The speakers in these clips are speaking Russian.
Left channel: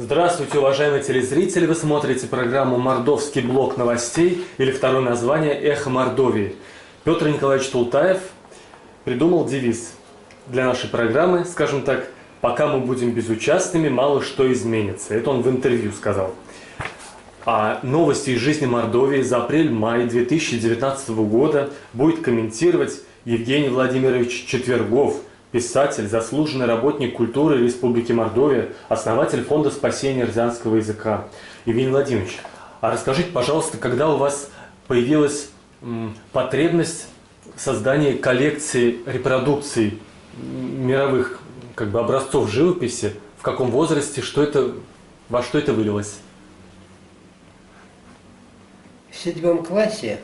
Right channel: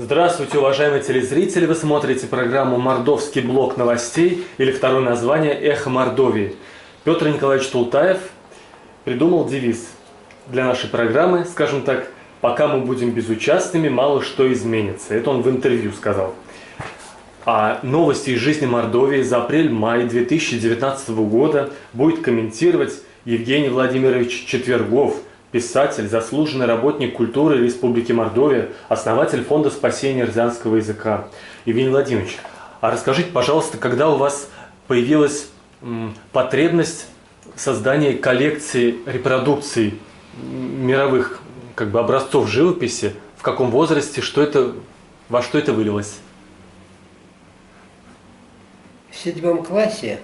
Здравствуйте, уважаемые телезрители! Вы смотрите программу «Мордовский блок новостей» или второе название «Эхо Мордовии». Петр Николаевич Тултаев придумал девиз для нашей программы, скажем так, «Пока мы будем безучастными, мало что изменится». Это он в интервью сказал. А новости из жизни Мордовии за апрель-май 2019 года будет комментировать Евгений Владимирович Четвергов, писатель, заслуженный работник культуры Республики Мордовия, основатель Фонда спасения рязанского языка. Евгений Владимирович, а расскажите, пожалуйста, когда у вас появилась потребность создания коллекции репродукций мировых образцов живописи, в каком возрасте, во что это вылилось? В 7 классе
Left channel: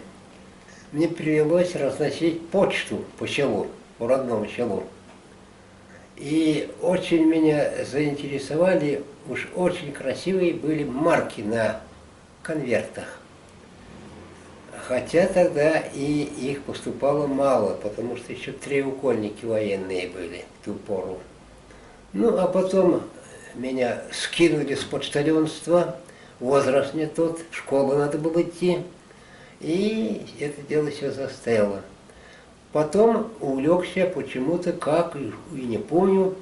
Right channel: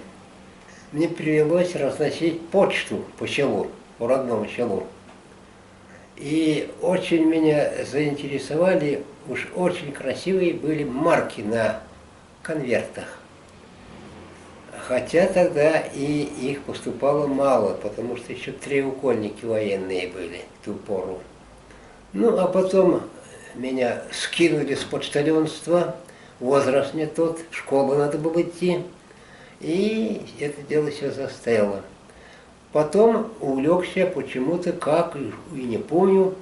мне привелось разносить почту по селу, по родному селу. И очень меня заинтересовали, уж очень красивые были марки на конвертах. Хотя тогда и их поступало мало, потому что еще треугольники военные были в ту пору. Ну, а потом меня скинули с почтальонства, возраст не тот, в школу надо было идти, и это дело все застояло. Потом увлекся почему-то, как и не помню,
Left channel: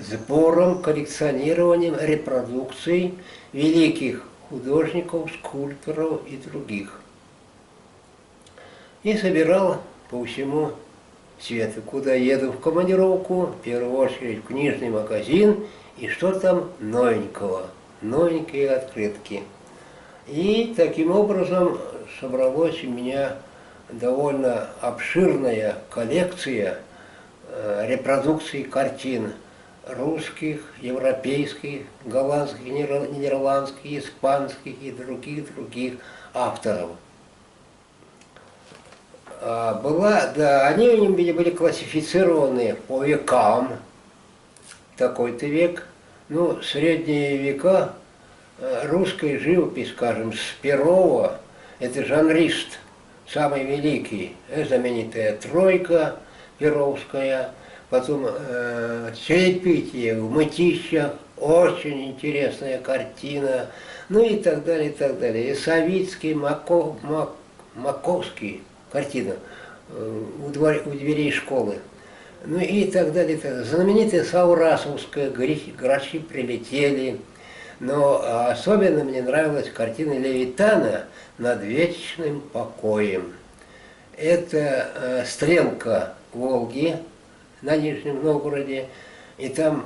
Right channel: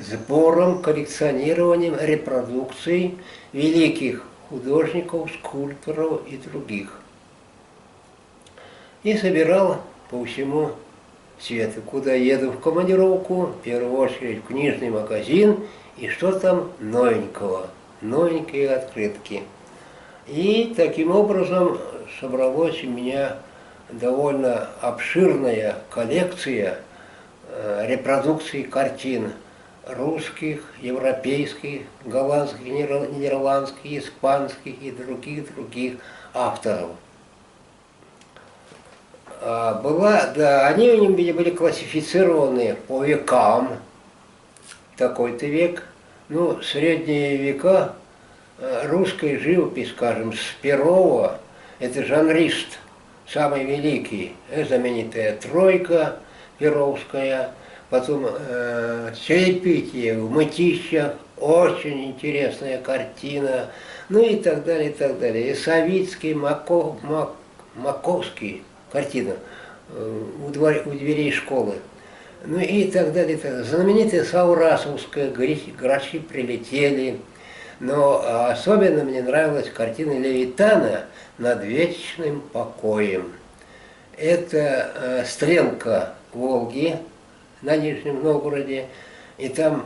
сбором, коллекционированием репродукций великих художников, скульпторов и других. И собирал по всему свету. Куда еду в командировку, в первую очередь в книжный магазин, и что там новенького, новенькие открытки. И таким образом собралось у меня довольно обширная коллекция репродукций картин русских, европейских, голландских, нидерландских, испанских и других авторов. Они у них были классифицированы по векам, такой-то век, ну, средние века, русской живопись, скажем, с Перова, это жанрист, самый великий, знаменитая тройка перовская, потом чаепитие в Мытищах, очень интересная картина, ну и так далее, и так далее. И Савицкий, Маковский, картина у дверей школы, ну и так далее, и так далее. Знаменитая Саурасовская, грачи прилетели. Но особенно мне нравилась картина Левитана «Над вечным покоем». Это стрелка Волги на Нижнем Новгороде, и там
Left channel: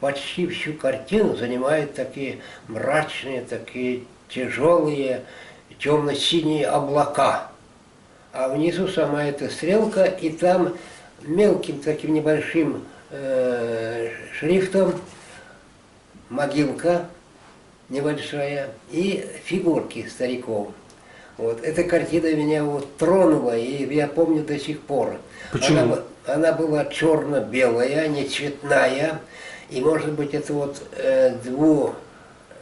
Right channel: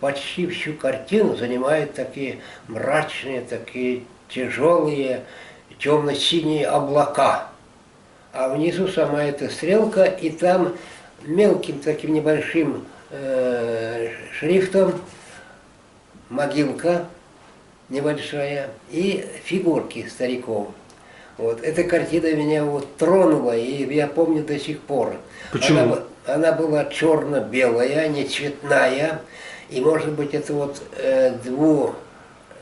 почти всю картину занимают такие мрачные, такие тяжелые, темно-синие облака. А внизу сама эта стрелка, и там мелким таким небольшим шрифтом могилка небольшая и фигурки стариков. Вот. Эта картина меня тронула, и я помню до сих пор. Почему? Она была черно-белая, не цветная, и, может быть, это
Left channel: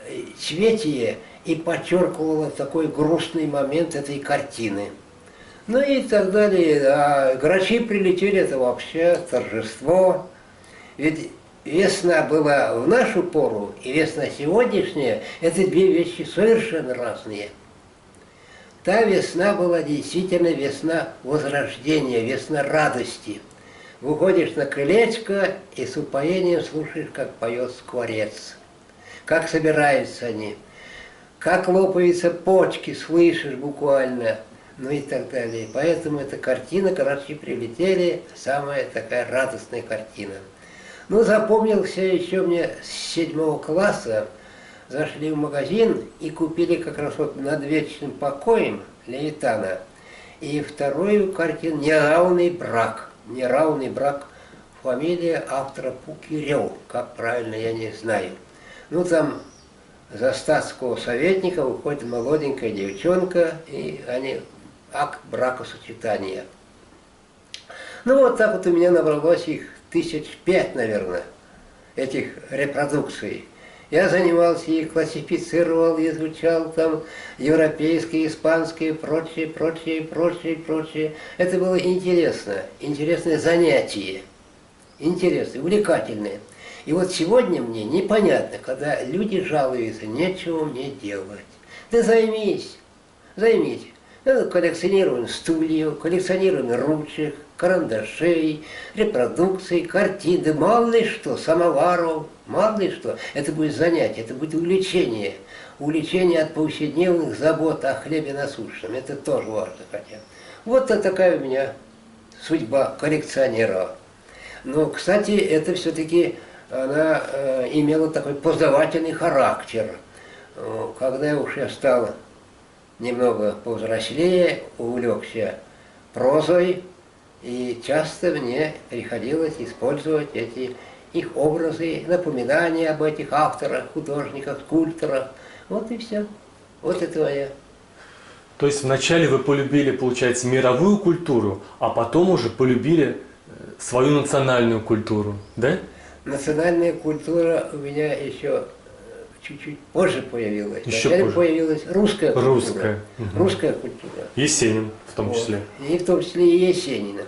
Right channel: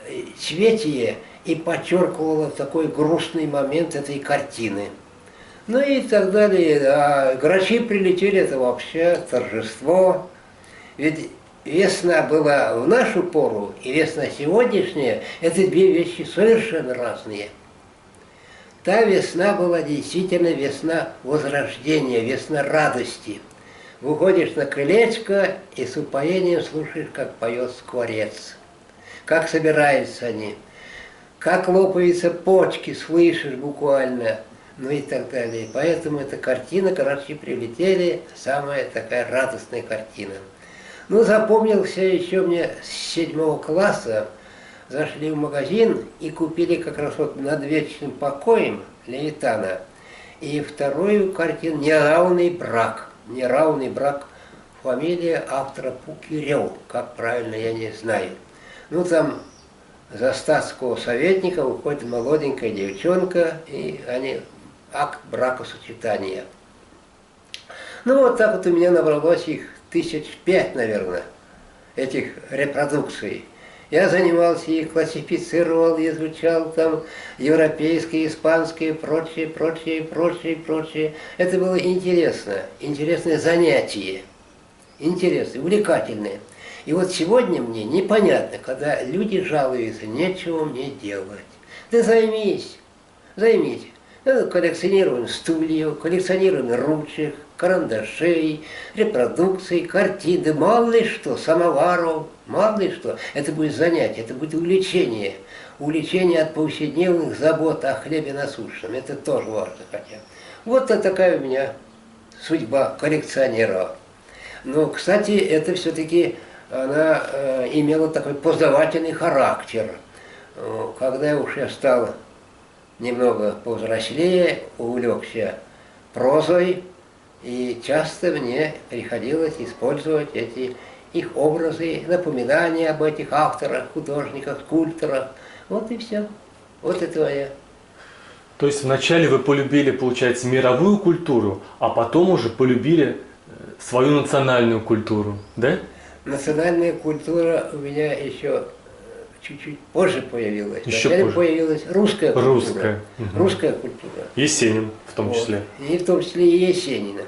двуцветие и подчеркивало такой грустный момент этой картины. Ну и так далее. А грачи прилетели, это вообще торжество. Ведь весна была в нашу пору, и весна сегодняшняя – это две вещи совершенно разные. Та весна была действительно весна возрождения, весна радости. Выходишь на крылечко и с упоением слушаешь, как поет скворец, как собираются они, как лопаются почки, слышишь буквально, ну и так далее. Поэтому эта картина, грачи прилетели, самая такая радостная картина. Ну, запомнился еще мне с 7 класса, зашли в магазин и купили как раз «Над вечным покоем» Левитана. И вторую картину «Неравный брак». «Неравный брак» — фамилия автора Пукирев, как правильно, я не знаю. Ну, там за статского советника выходит молоденькая девчонка, и они акт бракосочетания. Ну, вот так вот у меня набралось их 5 наверное, этих репродукций. Я занимался их, классифицировал, изучал там европейские, испанские, прочее. Это было интересно, интересное занятие, интересное, увлекательное. И вот сегодня мне непонятно, когда люди жалуются, нечего мне делать. Да займись, займись. Коллекционируем стульев, коллекционируем ручек, карандашей, репродукций, картин, да мало ли что, самоваров, мало ли что. Это будет занятие, это будет увлечение. Увлечение от повседневных забот о хлебе насущном. Это тоже важно хотя. Вот такая у меня судьба коллекционера. Но, кстати, это все-таки она имела такой познавательный характер. Когда я стал немного повзрослее, увлекся прозой, и часто мне приходилось использовать их образы, напоминания об этих авторах, художниках, скульпторах. Вот и все. Вот это я. То есть вначале вы полюбили, получается, мировую культуру, а потом уже полюбили свою национальную культуру, да? Национальная культура у меня еще чуть-чуть позже появилась. Еще Вначале позже. появилась русская культура. Русская. Угу. Русская культура. Есенин в том числе. Вот. И в том числе и Есенина.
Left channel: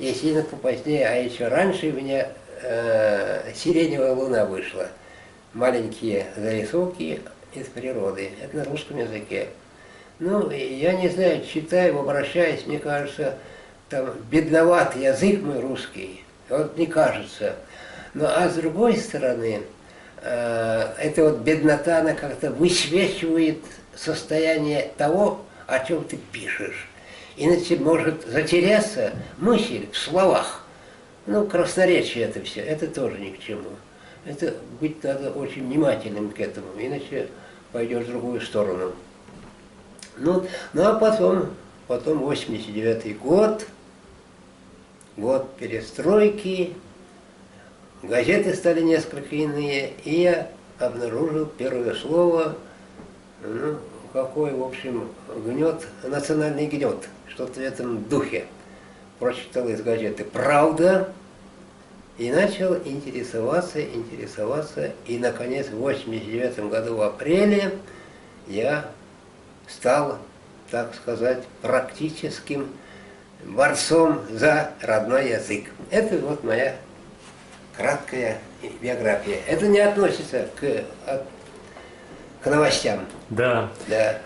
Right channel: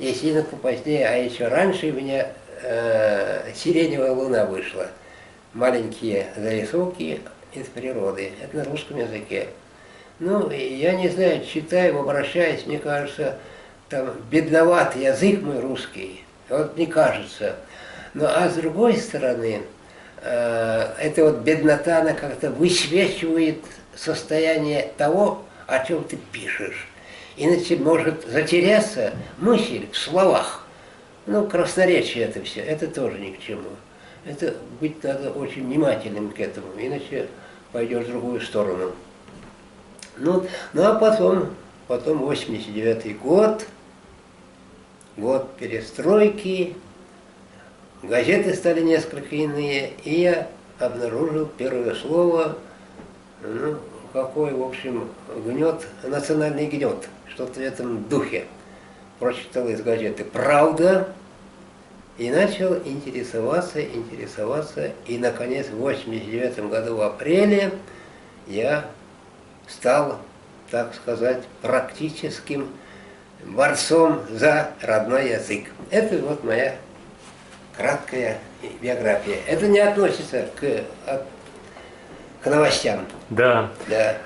Есенина попозднее, а еще раньше у меня «Сиреневая луна» вышла. Маленькие зарисовки из природы. Это на русском языке. Ну, я не знаю, читаю, обращаюсь, мне кажется, там бедноват язык мой русский. Вот мне кажется. Ну, а с другой стороны, эта вот беднота, она как-то высвечивает состояние того, о чем ты пишешь. Иначе может затеряться мысль в словах. Ну, красноречие это все, это тоже ни к чему. Это быть надо очень внимательным к этому, иначе пойдешь в другую сторону. Ну а потом 89-й год перестройки, газеты стали несколько иные, и я обнаружил первое слово, ну, какой, в общем, гнет, национальный гнет, что-то в этом духе. Прочитал из газеты «Правда» и начал интересоваться, и, наконец, в 89 году, в апреле, я стал, так сказать, практическим борцом за родной язык. Это вот моя краткая биография. Это не относится к новостям. Да. Да.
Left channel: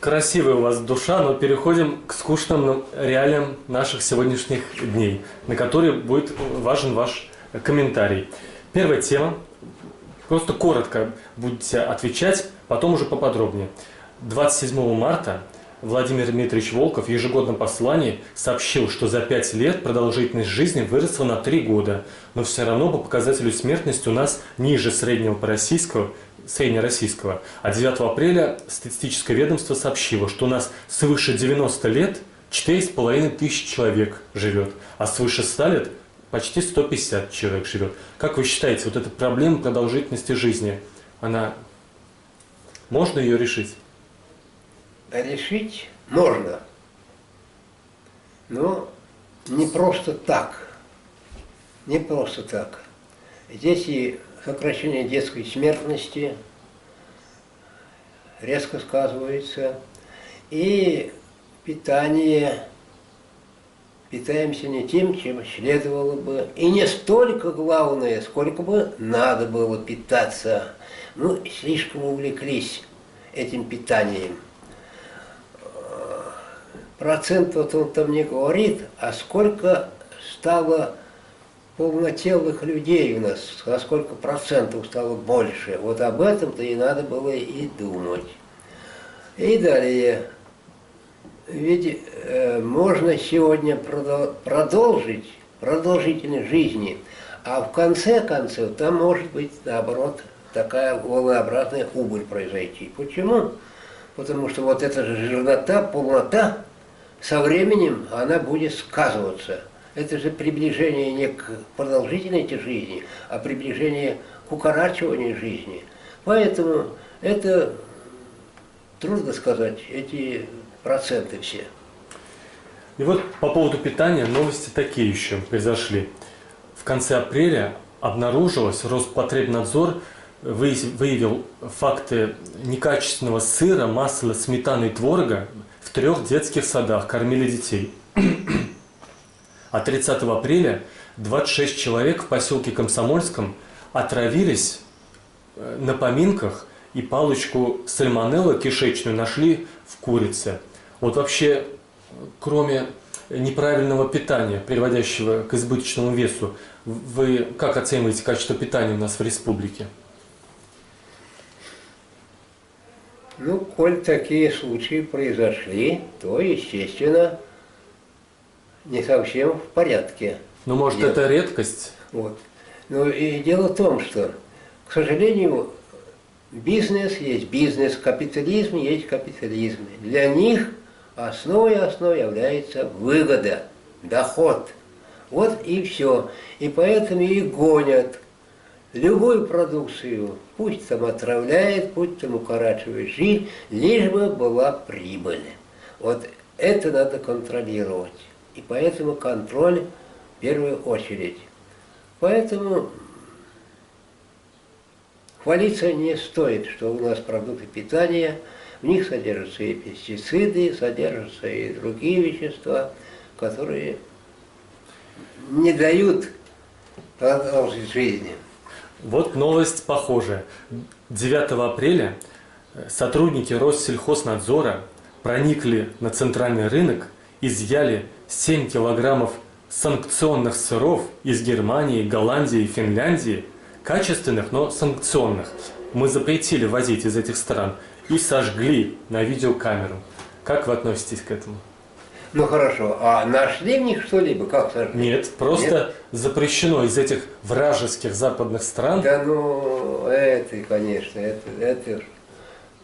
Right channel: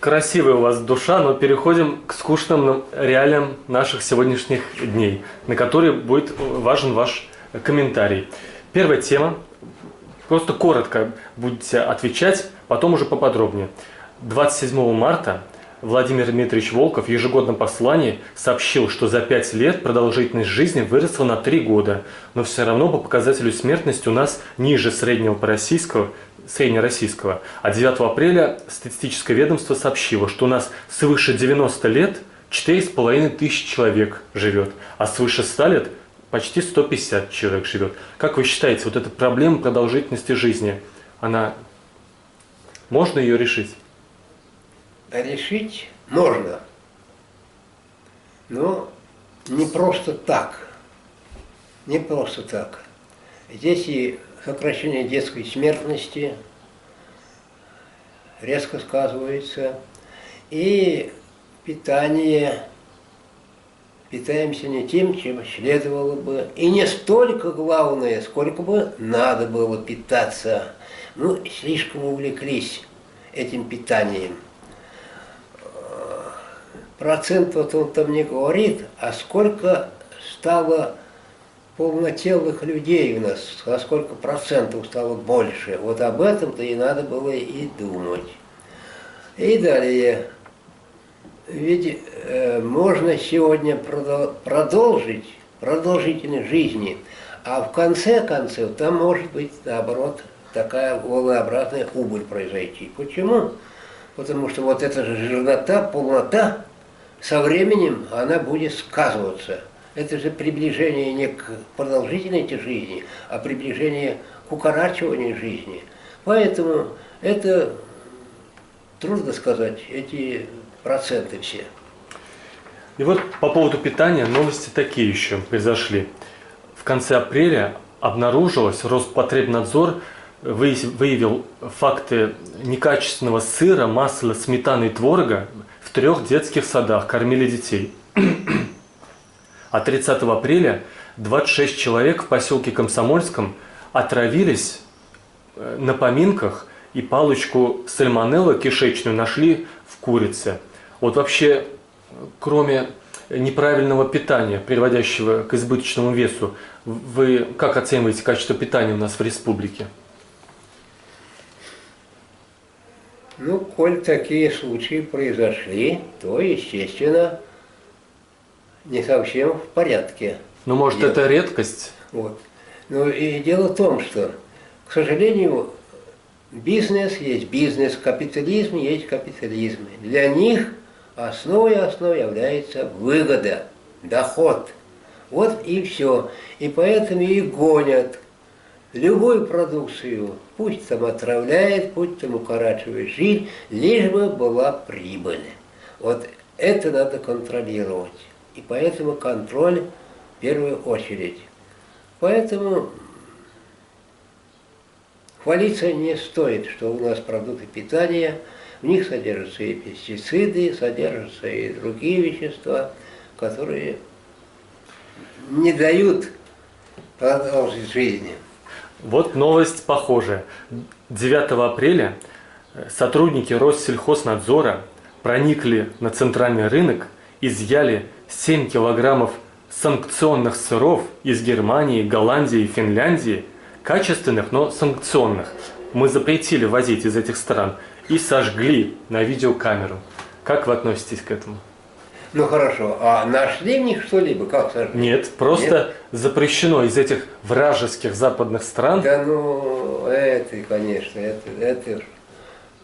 Красивая у вас душа, но переходим к скучным реалиям наших сегодняшних дней, на которые будет важен ваш комментарий. Первая тема. Просто коротко будете отвечать, потом уже поподробнее. 27 марта Владимир Дмитриевич Волков в ежегодном послании сообщил, что за 5 лет продолжительность жизни выросла на 3 года, но все равно по показателю смертности у нас ниже среднего среднероссийского. А 9 апреля статистическое ведомство сообщило, что у нас свыше 90 лет 4,5 тысяч человек живет, а свыше 100 лет почти 150 человек живет. Как вы считаете, вот эта проблема продолжительности жизни, можно ее решить? Решить можно, но не просто так. Не просто так. Здесь и сокращение детской смертности резко сказывается, и питание. Питаемся не тем, чем следовало бы. И не столько главное, сколько бы надо было питаться. Ну, слишком увлеклись этим питанием. Процент вот он там не говорит, а сколько стало полнотелых людей у нас, а сколько процентов стало больше. Вот об этом-то и надо было и думать. И далее. Ведь можно сегодня продолжить продолжительность жизни, а в конце концов там может быть, наоборот, такая волнообразная убыль произойти. Почему? Потому что вот эта же жирнота, полнота, со временем она будет сказываться. Это же приближение не к продолжительности жизни, а приближение к укорачиванию жизни. Поэтому это трудно сказать, эти проценты все. И вот по поводу питания новости такие еще произошли. В конце апреля обнаружилось, Роспотребнадзор выявил факты некачественного сыра, масла, сметаны и творога в 3 детских садах, кормили детей. А 30 апреля 26 человек в поселке Комсомольском отравились на поминках, и палочку сальмонеллы кишечную нашли в курице. Вот вообще, кроме неправильного питания, приводящего к избыточному весу, вы как оцениваете качество питания у нас в республике? Ну, коль такие случаи произошли, то, естественно, не совсем в порядке. Ну, может, дело. это редкость? Вот. Но и дело в том, что, к сожалению, бизнес есть бизнес, капитализм есть капитализм. Для них основой является выгода, доход. Вот и все. И поэтому и гонят любую продукцию, пусть там отравляет, пусть там укорачивает жизнь, лишь бы была прибыль. Вот это надо контролировать. И поэтому контроль в первую очередь. Поэтому хвалиться не стоит, что у нас продукты питания, в них содержатся и пестициды, содержатся и другие вещества, которые не дают продолжить жизнь. Вот новость похожая. 9 апреля сотрудники Россельхознадзора проникли на центральный рынок, изъяли 7 килограммов санкционных сыров из Германии, Голландии и Финляндии, качественных, но санкционных. Мы запретили возить из этих стран и сожгли на видеокамеру. Как вы относитесь к этому? Ну хорошо, а нашли в них что-либо? Как сожгли? Нет, просто запрещено из этих вражеских западных стран. Да ну, это, конечно, это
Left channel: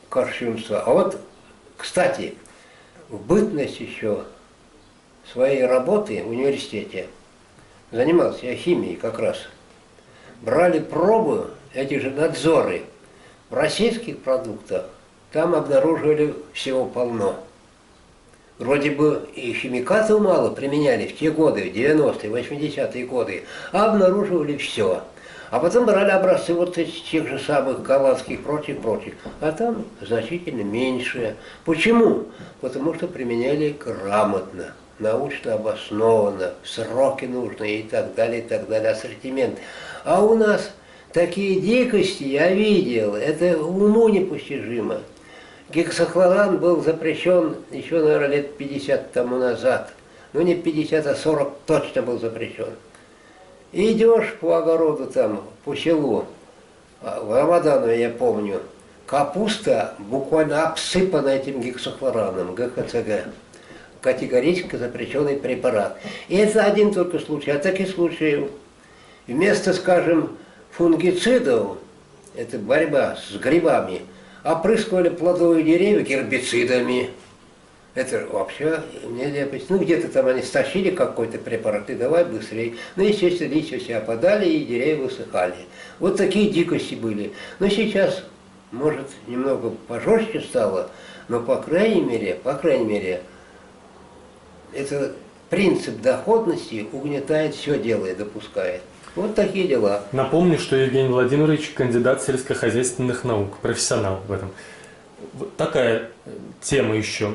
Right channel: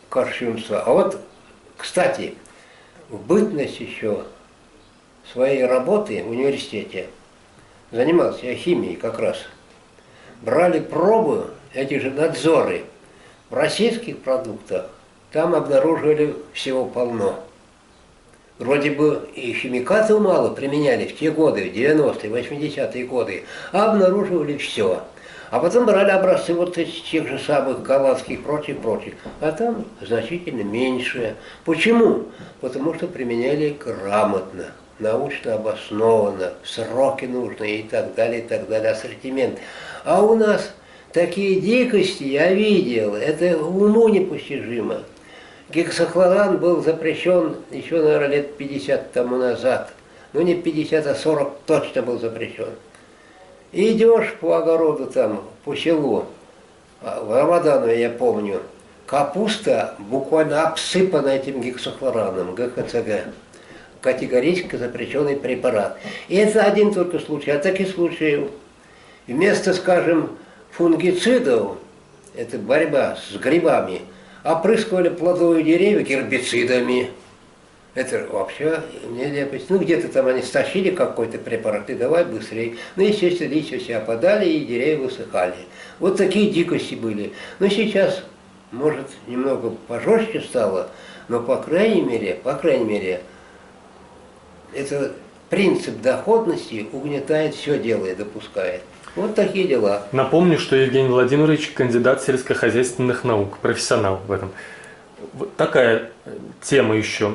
кощунство. А вот, кстати, в бытность еще своей работы в университете занимался я химией как раз. Брали пробы, эти же надзоры, в российских продуктах, там обнаруживали всего полно. Вроде бы и химикатов мало применяли в те годы, в 90-е, 80-е годы, а обнаруживали все. А потом брали образцы вот из тех же самых голландских, прочих, а там значительно меньше. Почему? Потому что применяли грамотно, научно обоснованно, сроки нужные и так далее, ассортимент. А у нас такие дикости я видел, это уму непостижимо. Гексахлоран был запрещен еще, наверное, лет 50 тому назад. Ну, не 50, а 40 точно был запрещен. Идешь по огороду там, по селу, в Рамаданове, я помню, капуста буквально обсыпана этим гексахлораном, ГХЦГ. Категорически запрещенный препарат. И это один только случай, а таких случаев вместо, скажем, фунгицидов, это борьба с грибами, опрыскивали плодовые деревья гербицидами. Это вообще нелепость. Ну, где-то там они стащили какой-то препарат, и давай быстрее. Ну, естественно, листья все опадали, и деревья высыхали. Вот такие дикости были. Но сейчас, может, немного пожестче стало, но, по крайней мере, это принцип доходности угнетает все дело и допускает. Вот такие дела. Напомню, что Евгений Владимирович кандидат сельскохозяйственных наук, профессионал в этом. Вот такая тема еще.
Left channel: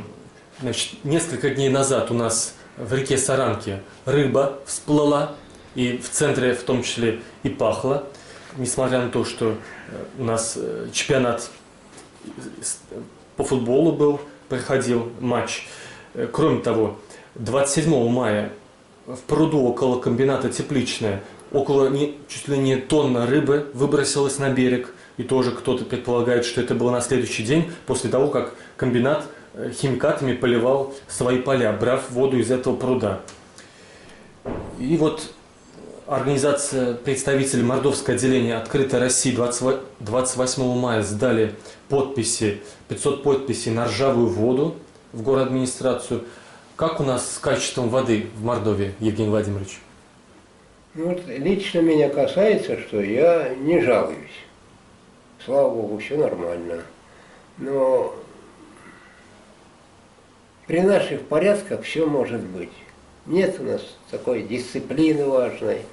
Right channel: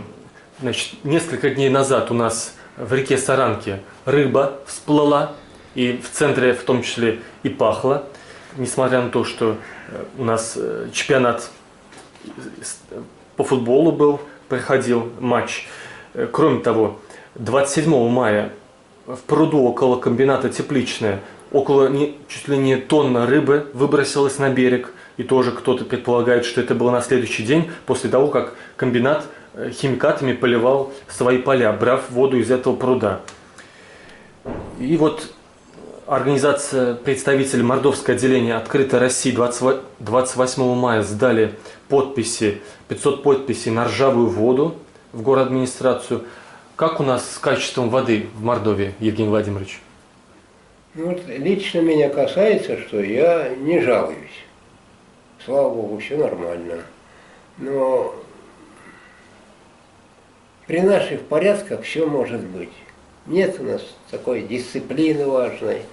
Значит, несколько дней назад у нас в реке Саранке рыба всплыла, и в центре в том числе и пахло, несмотря на то, что у нас чемпионат по футболу проходил матч. Кроме того, 27 мая в пруду около комбината «Тепличное» чуть ли не тонна рыбы выбросилась на берег. И тоже кто-то предполагает, что это было на следующий день, после того, как комбинат химикатами поливал свои поля, брав воду из этого пруда. И вот организация, представители Мордовского отделения «Открытой России» 28 мая сдали подписи, 500 подписей на ржавую воду в городадминистрацию. Как у нас с качеством воды в Мордовии, Евгений Владимирович? Ну, вот лично меня касается, что я не жалуюсь. Слава Богу, все нормально. Но при наших порядках все может быть. Нет у нас такой дисциплины важной,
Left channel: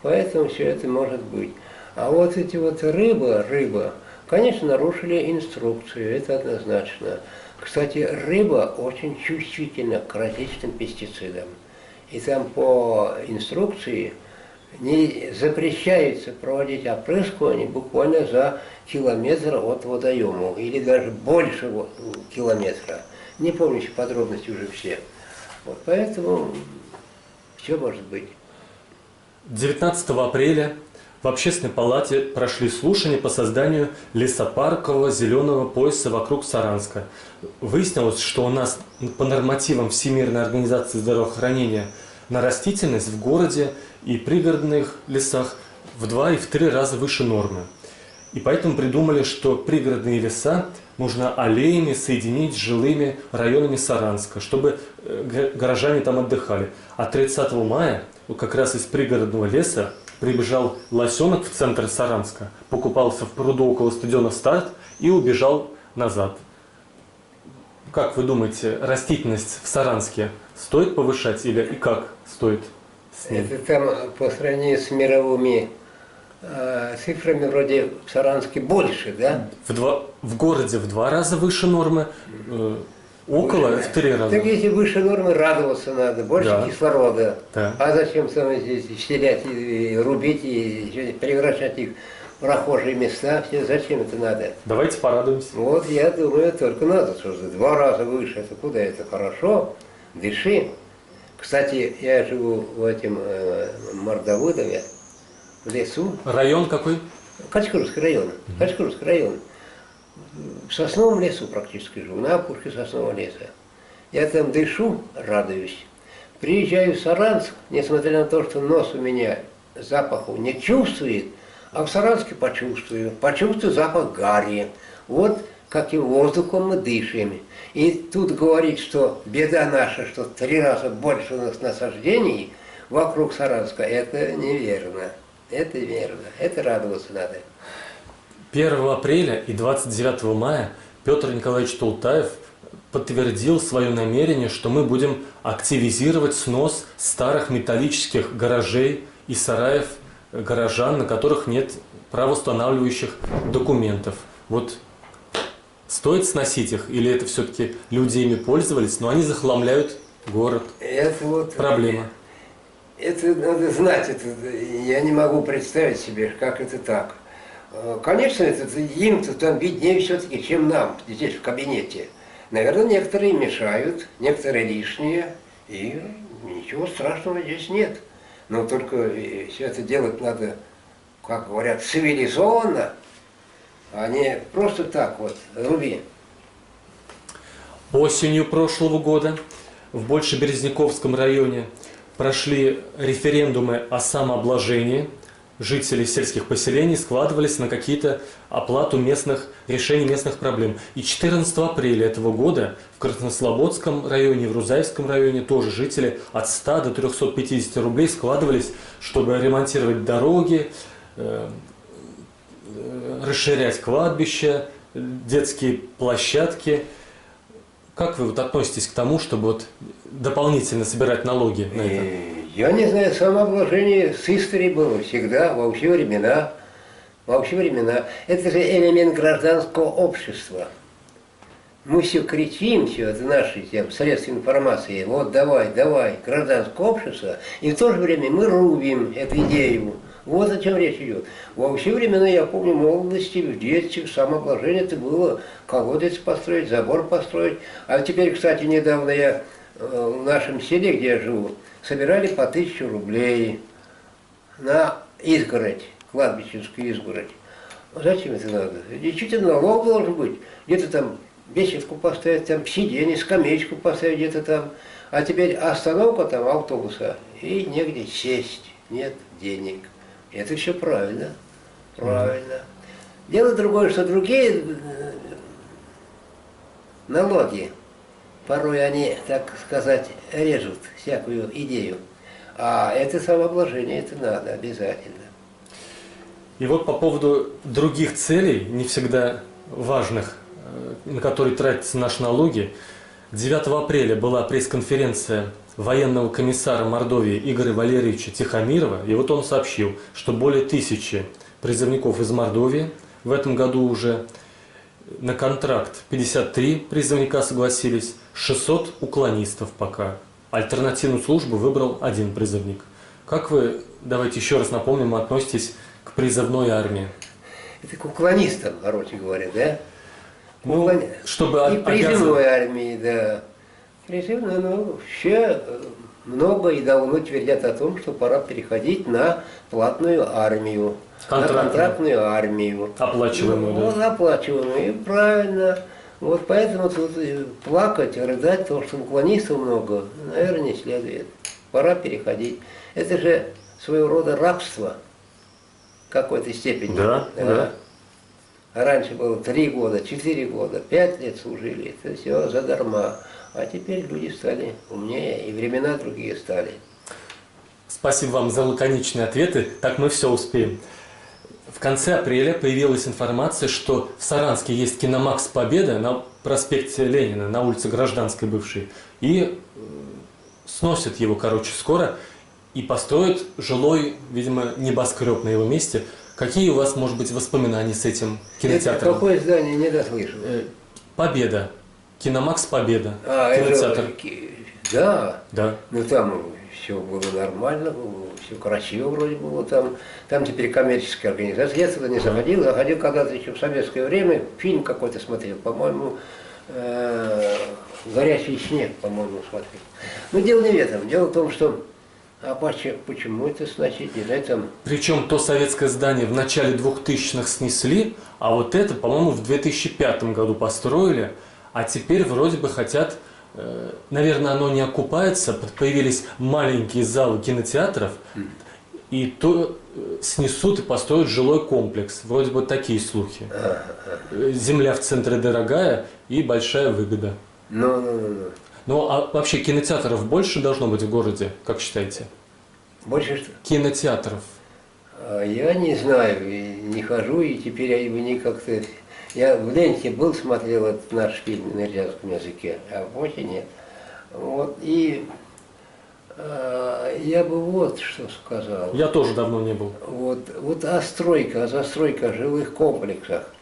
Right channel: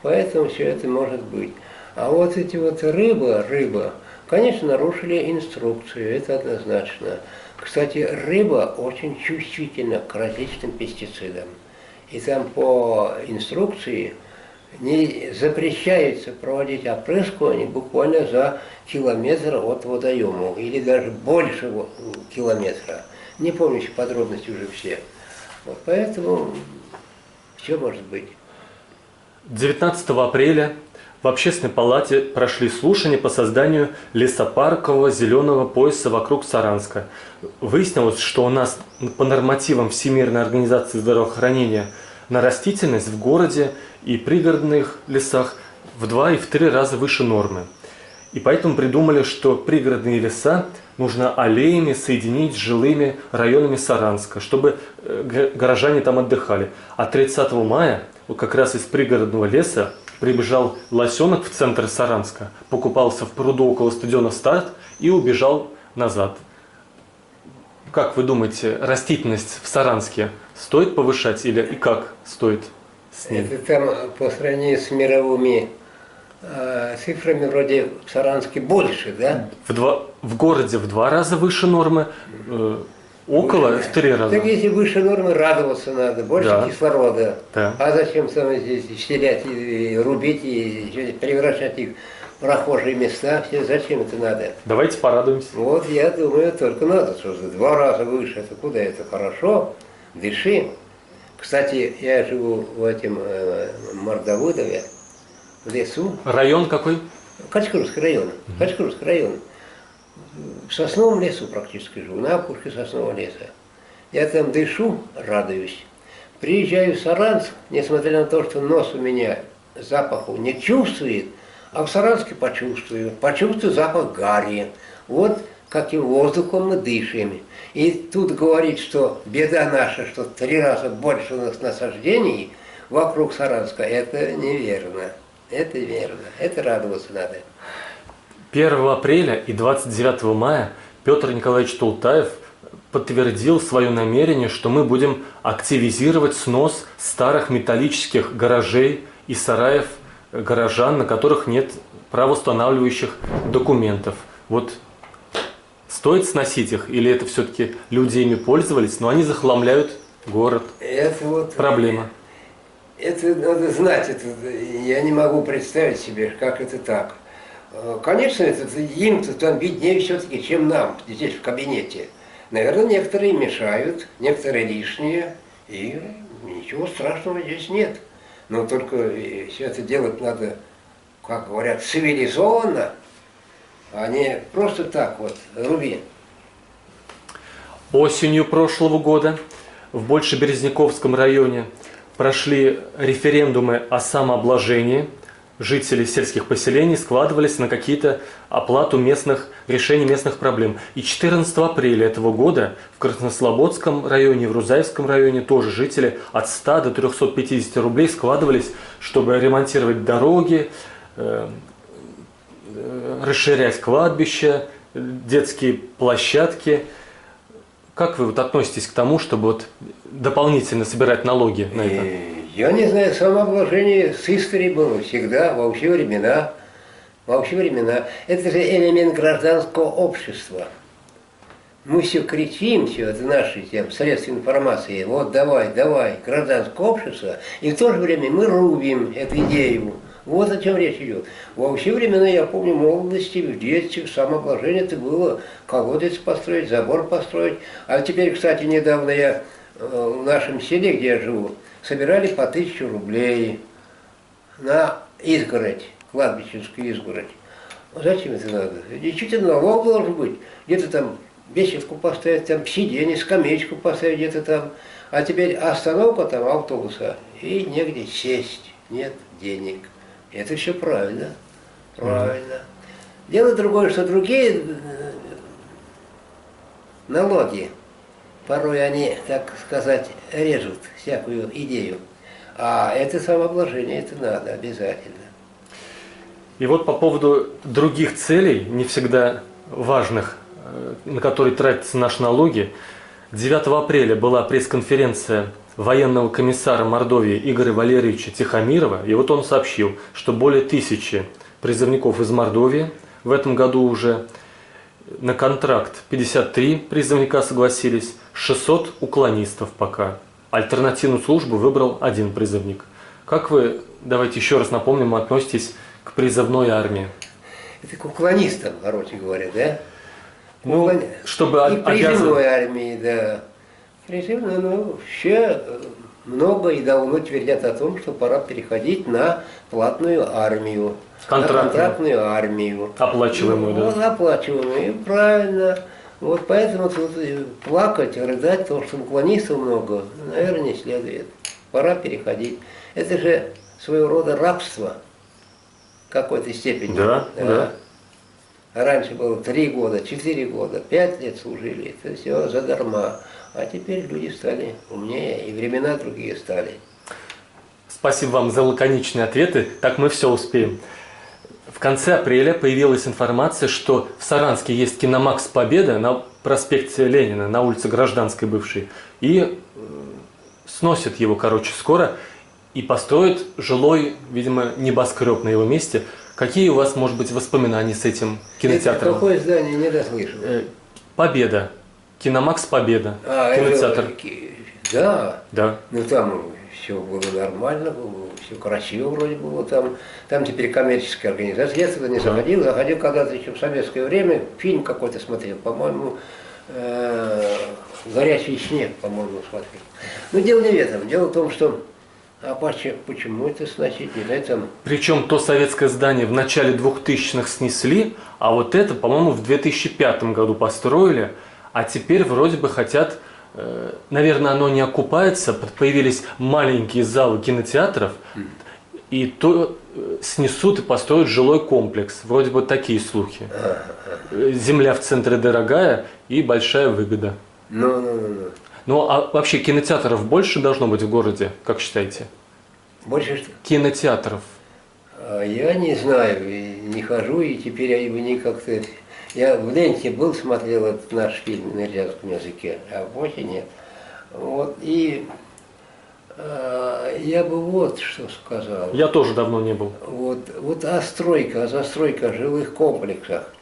поэтому все это может быть. А вот эти вот рыба, конечно, нарушили инструкцию, это однозначно. Кстати, рыба очень чувствительна к различным пестицидам. И там по инструкции не запрещается проводить опрыскивание буквально за километр от водоема, или даже больше километра. Не помню еще подробности уже все. Вот поэтому все может быть. 19 апреля в Общественной палате прошли слушания по созданию лесопаркового зеленого пояса вокруг Саранска. Выяснилось, что у нас по нормативам Всемирной организации здравоохранения на растительность в городе и пригородных лесах в 2 и в 3 раза выше нормы. И поэтому придумали, что пригородные леса нужно аллеями соединить с жилыми районами Саранска, чтобы горожане там отдыхали. А 30 мая вот как раз из пригородного леса прибежал лосенок в центр Саранска, покупался в пруду около стадиона «Старт» и убежал назад. Как вы думаете, растительность в Саранске стоит повышать или и как стоит с ней? Это там по сравнению с мировыми цифрами вроде в Саранске больше, да? В городе в 2 раза выше нормы, около в 3 раза. Так если выше нормы, радоваться надо, больше Да. кислорода. Да. А зачем самое здесь вселять и рубить, и превращать их в прохожие места? Все, зачем это надо? Давайте порадуемся. Вот я думаю, только надо, что за 2 раза выше, это куда это хорошо, дыши. Кстати, я живу в этом Мордовыдове, в лесу, Район какой? Качкурский район, Качкурский район. В сосновом лесу практически живу, на опушке соснового леса. Я там дышу, радуюсь. Приезжаю в Саранск, несмотря на то, что нос у меня запаху не чувствует, а в Саранске почувствую. Почувствую запах гари. Вот каким воздухом мы дышим. И тут говорить, что беда наша, что в 3 раза больше у нас насаждений вокруг Саранска, это неверно. Это верно. Это радоваться надо. 1 апреля и 29 мая Петр Николаевич Тултаев подтвердил свое намерение, что мы будем активизировать снос старых металлических гаражей и сараев горожан, на которых нет правоустанавливающих документов. Вот стоит сносить их, или это все-таки люди ими пользовались, но они захламляют город? Это вот... Проблема. Это надо знать, это, я не могу представить себе, как это так. Конечно, им-то там виднее все-таки, чем нам здесь в кабинете. Наверное, некоторые мешают, некоторые лишние, и ничего страшного здесь нет. Но только все это делать надо, как говорят, цивилизованно, а не просто так вот, руби. Осенью прошлого года в Большеберезняковском районе прошли референдумы о самообложении. Жители сельских поселений складывались на какие-то оплату решений местных проблем. И 14 апреля этого года в Краснослободском районе, в Рузаевском районе тоже жители от 100 до 350 рублей складывались, чтобы ремонтировать дороги, расширять кладбища, детские площадки. Как вы вот относитесь к тому, чтобы вот дополнительно собирать налоги на это? Я не знаю, самообложение с историей было всегда, во все времена. Во все времена. Это же элемент гражданского общества. Мы все кричим, все, это наши средства информации, вот давай, давай, гражданское общество, и в то же время мы рубим эту идею. Вот о чем речь идет. Во все времена, я помню, в молодости, в детстве, самообложение это было колодец построить, забор построить. А теперь, кстати, недавно я в нашем селе, где я живу, собирали по 1000 рублей на изгородь, кладбищенскую изгородь. Зачем это надо? Действительно, налог должен быть. Где-то там беседку поставить, там сиденье, скамеечку поставить где-то там. А теперь остановка там автобуса, и негде сесть, нет денег. Это все правильно, правильно. Дело другое, что другие налоги, порой они, так сказать, режут всякую идею. А это самообложение, это надо обязательно. И вот по поводу других целей, не всегда важных, на которые тратятся наши налоги, 9 апреля была пресс-конференция военного комиссара Мордовии Игоря Валерьевича Тихомирова, и вот он сообщил, что более 1000 призывников из Мордовии в этом году уже на контракт 53 призывника согласились, 600 уклонистов пока. Альтернативную службу выбрал 1 призывник. Как вы, давайте еще раз напомним, относитесь к призывной армии? Это к уклонистам, короче говоря, да? Ну, чтобы И призывной армии, да. Призывной, ну, все много и давно твердят о том, что пора переходить на платную армию. На контрактную армию. Оплачиваемую, ну, да? Оплачиваемую, правильно. Вот поэтому тут плакать, рыдать, потому что уклонистов много, наверное, не следует. Пора переходить. Это же своего рода рабство в какой-то степени. Да, да. Раньше было 3 года, 4 года, 5 лет служили. Это все задарма. А теперь люди стали умнее, и времена другие стали. Спасибо вам за лаконичные ответы. Так мы все успеем. В конце апреля появилась информация, что в Саранске есть киномакс «Победа» на проспекте Ленина, на улице Гражданской бывшей. И сносят его, короче, скоро. И построят жилой, видимо, небоскреб на его месте. Какие у вас, может быть, воспоминания с этим кинотеатром? Это какое здание, не дослышал? «Победа». Киномакс «Победа». Кинотеатр. Да. Да. Ну там все было нормально, все красиво вроде было там. Там теперь коммерческая организация. Я туда не заходил, заходил когда-то еще в советское время, фильм какой-то смотрел, по-моему, «Горячий снег», по-моему, смотрел. Но дело не в этом. Дело в том, что почему это сносить? Не знаю, там... Причем то советское здание в начале 2000-х снесли, а вот это, по-моему, в 2005 году построили, а теперь вроде бы хотят, наверное, оно не окупается, появились маленькие залы кинотеатров, и то снесут и построят жилой комплекс. Вроде бы такие слухи. Земля в центре дорогая и большая выгода. Ну, а вообще кинотеатров больше должно быть в городе, как считаете? Больше что? Кинотеатров. Я не знаю, не хожу, и теперь я его не как-то... Я в ленте был, смотрел этот наш фильм на рязанском языке, а в Боте нет. Вот, и я бы вот что сказал. Я тоже давно не был. Вот застройка жилых комплексах.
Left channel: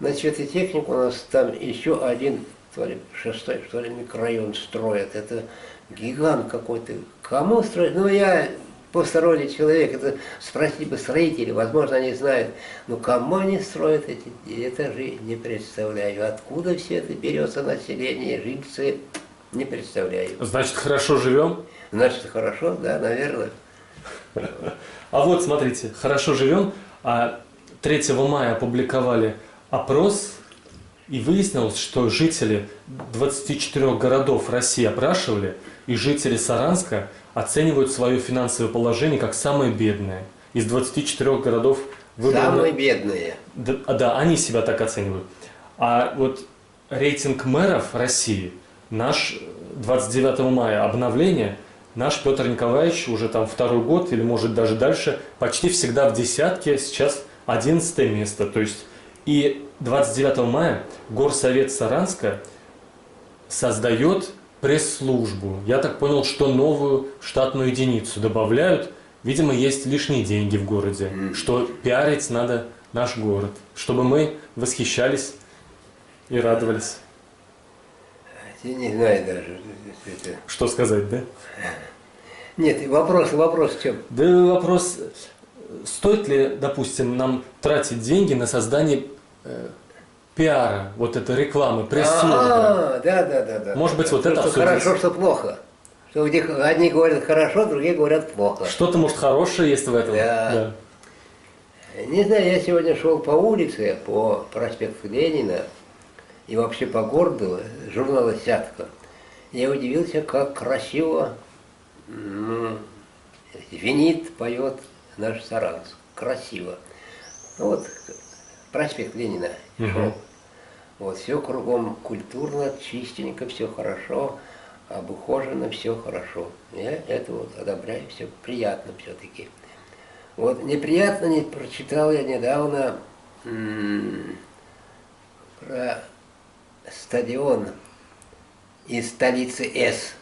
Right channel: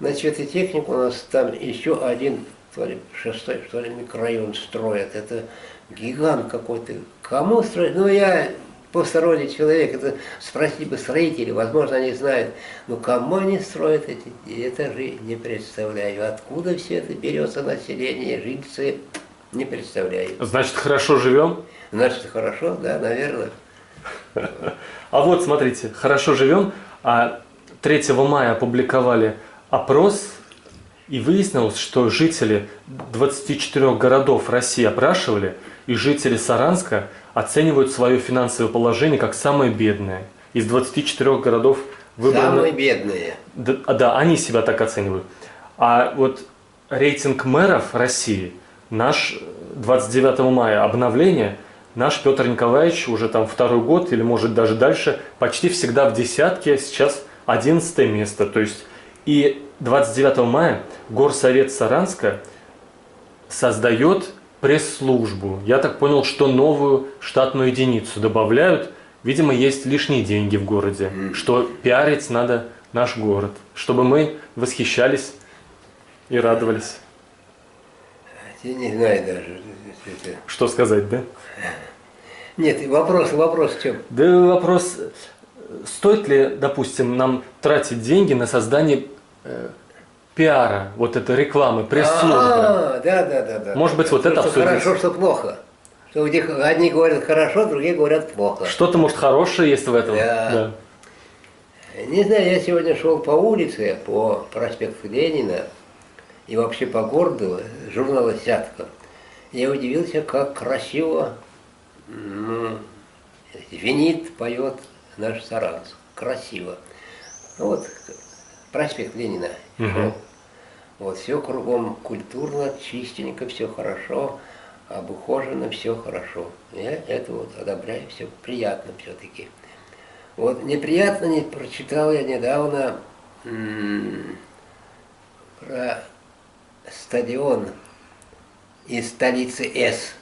Значит, и технику у нас там еще один, то ли 6-й, что ли, микрорайон строят. Это гигант какой-то. Кому строить? Ну, я посторонний человек, это спросить бы строителей, возможно, они знают. Но кому они строят эти этажи, не представляю. Откуда все это берется население, жильцы, не представляю. Значит, хорошо живем? Значит, хорошо, да, наверное. А вот, смотрите, хорошо живем, а 3 мая опубликовали опрос, и выяснилось, что жители 24 городов России опрашивали, и жители Саранска оценивают свое финансовое положение как самое бедное. Из 24 городов выбрано... Самые бедные. Да, они себя так оценивают. А вот рейтинг мэров России, наш 29 мая обновление, наш Петр Николаевич уже там 2-й год, или может даже дальше, почти всегда в десятке, сейчас 11 место. То есть и 29 мая Горсовет Саранска создает пресс-службу. Я так понял, что новую штатную единицу добавляют. Видимо, есть лишние деньги в городе, что пиарить надо наш город, чтобы мы восхищались и радовались. Я не знаю даже. Что сказать, да? Нет, вопрос в чем? Да вопрос, стоит ли, допустим, нам тратить деньги на создание пиара, вот этой рекламы, пресс-службы? Да. Может быть, вот это обсудить? Хорошо, что плохо. Что одни говорят хорошо, другие говорят плохо. Что-то, может, хорошее есть в этом? Да. Не знаю, я сегодня шел по улице, по проспекту Ленина и вообще по городу, журнала «Сятка». Я удивился, как красиво звенит, поет наш Саранск. Красиво. Вот проспект Ленина. Вот все кругом культурно, чистенько, все хорошо, обухожено, все хорошо. Я это вот одобряю, все приятно все-таки. Вот неприятно не прочитал я недавно про стадион из столицы С.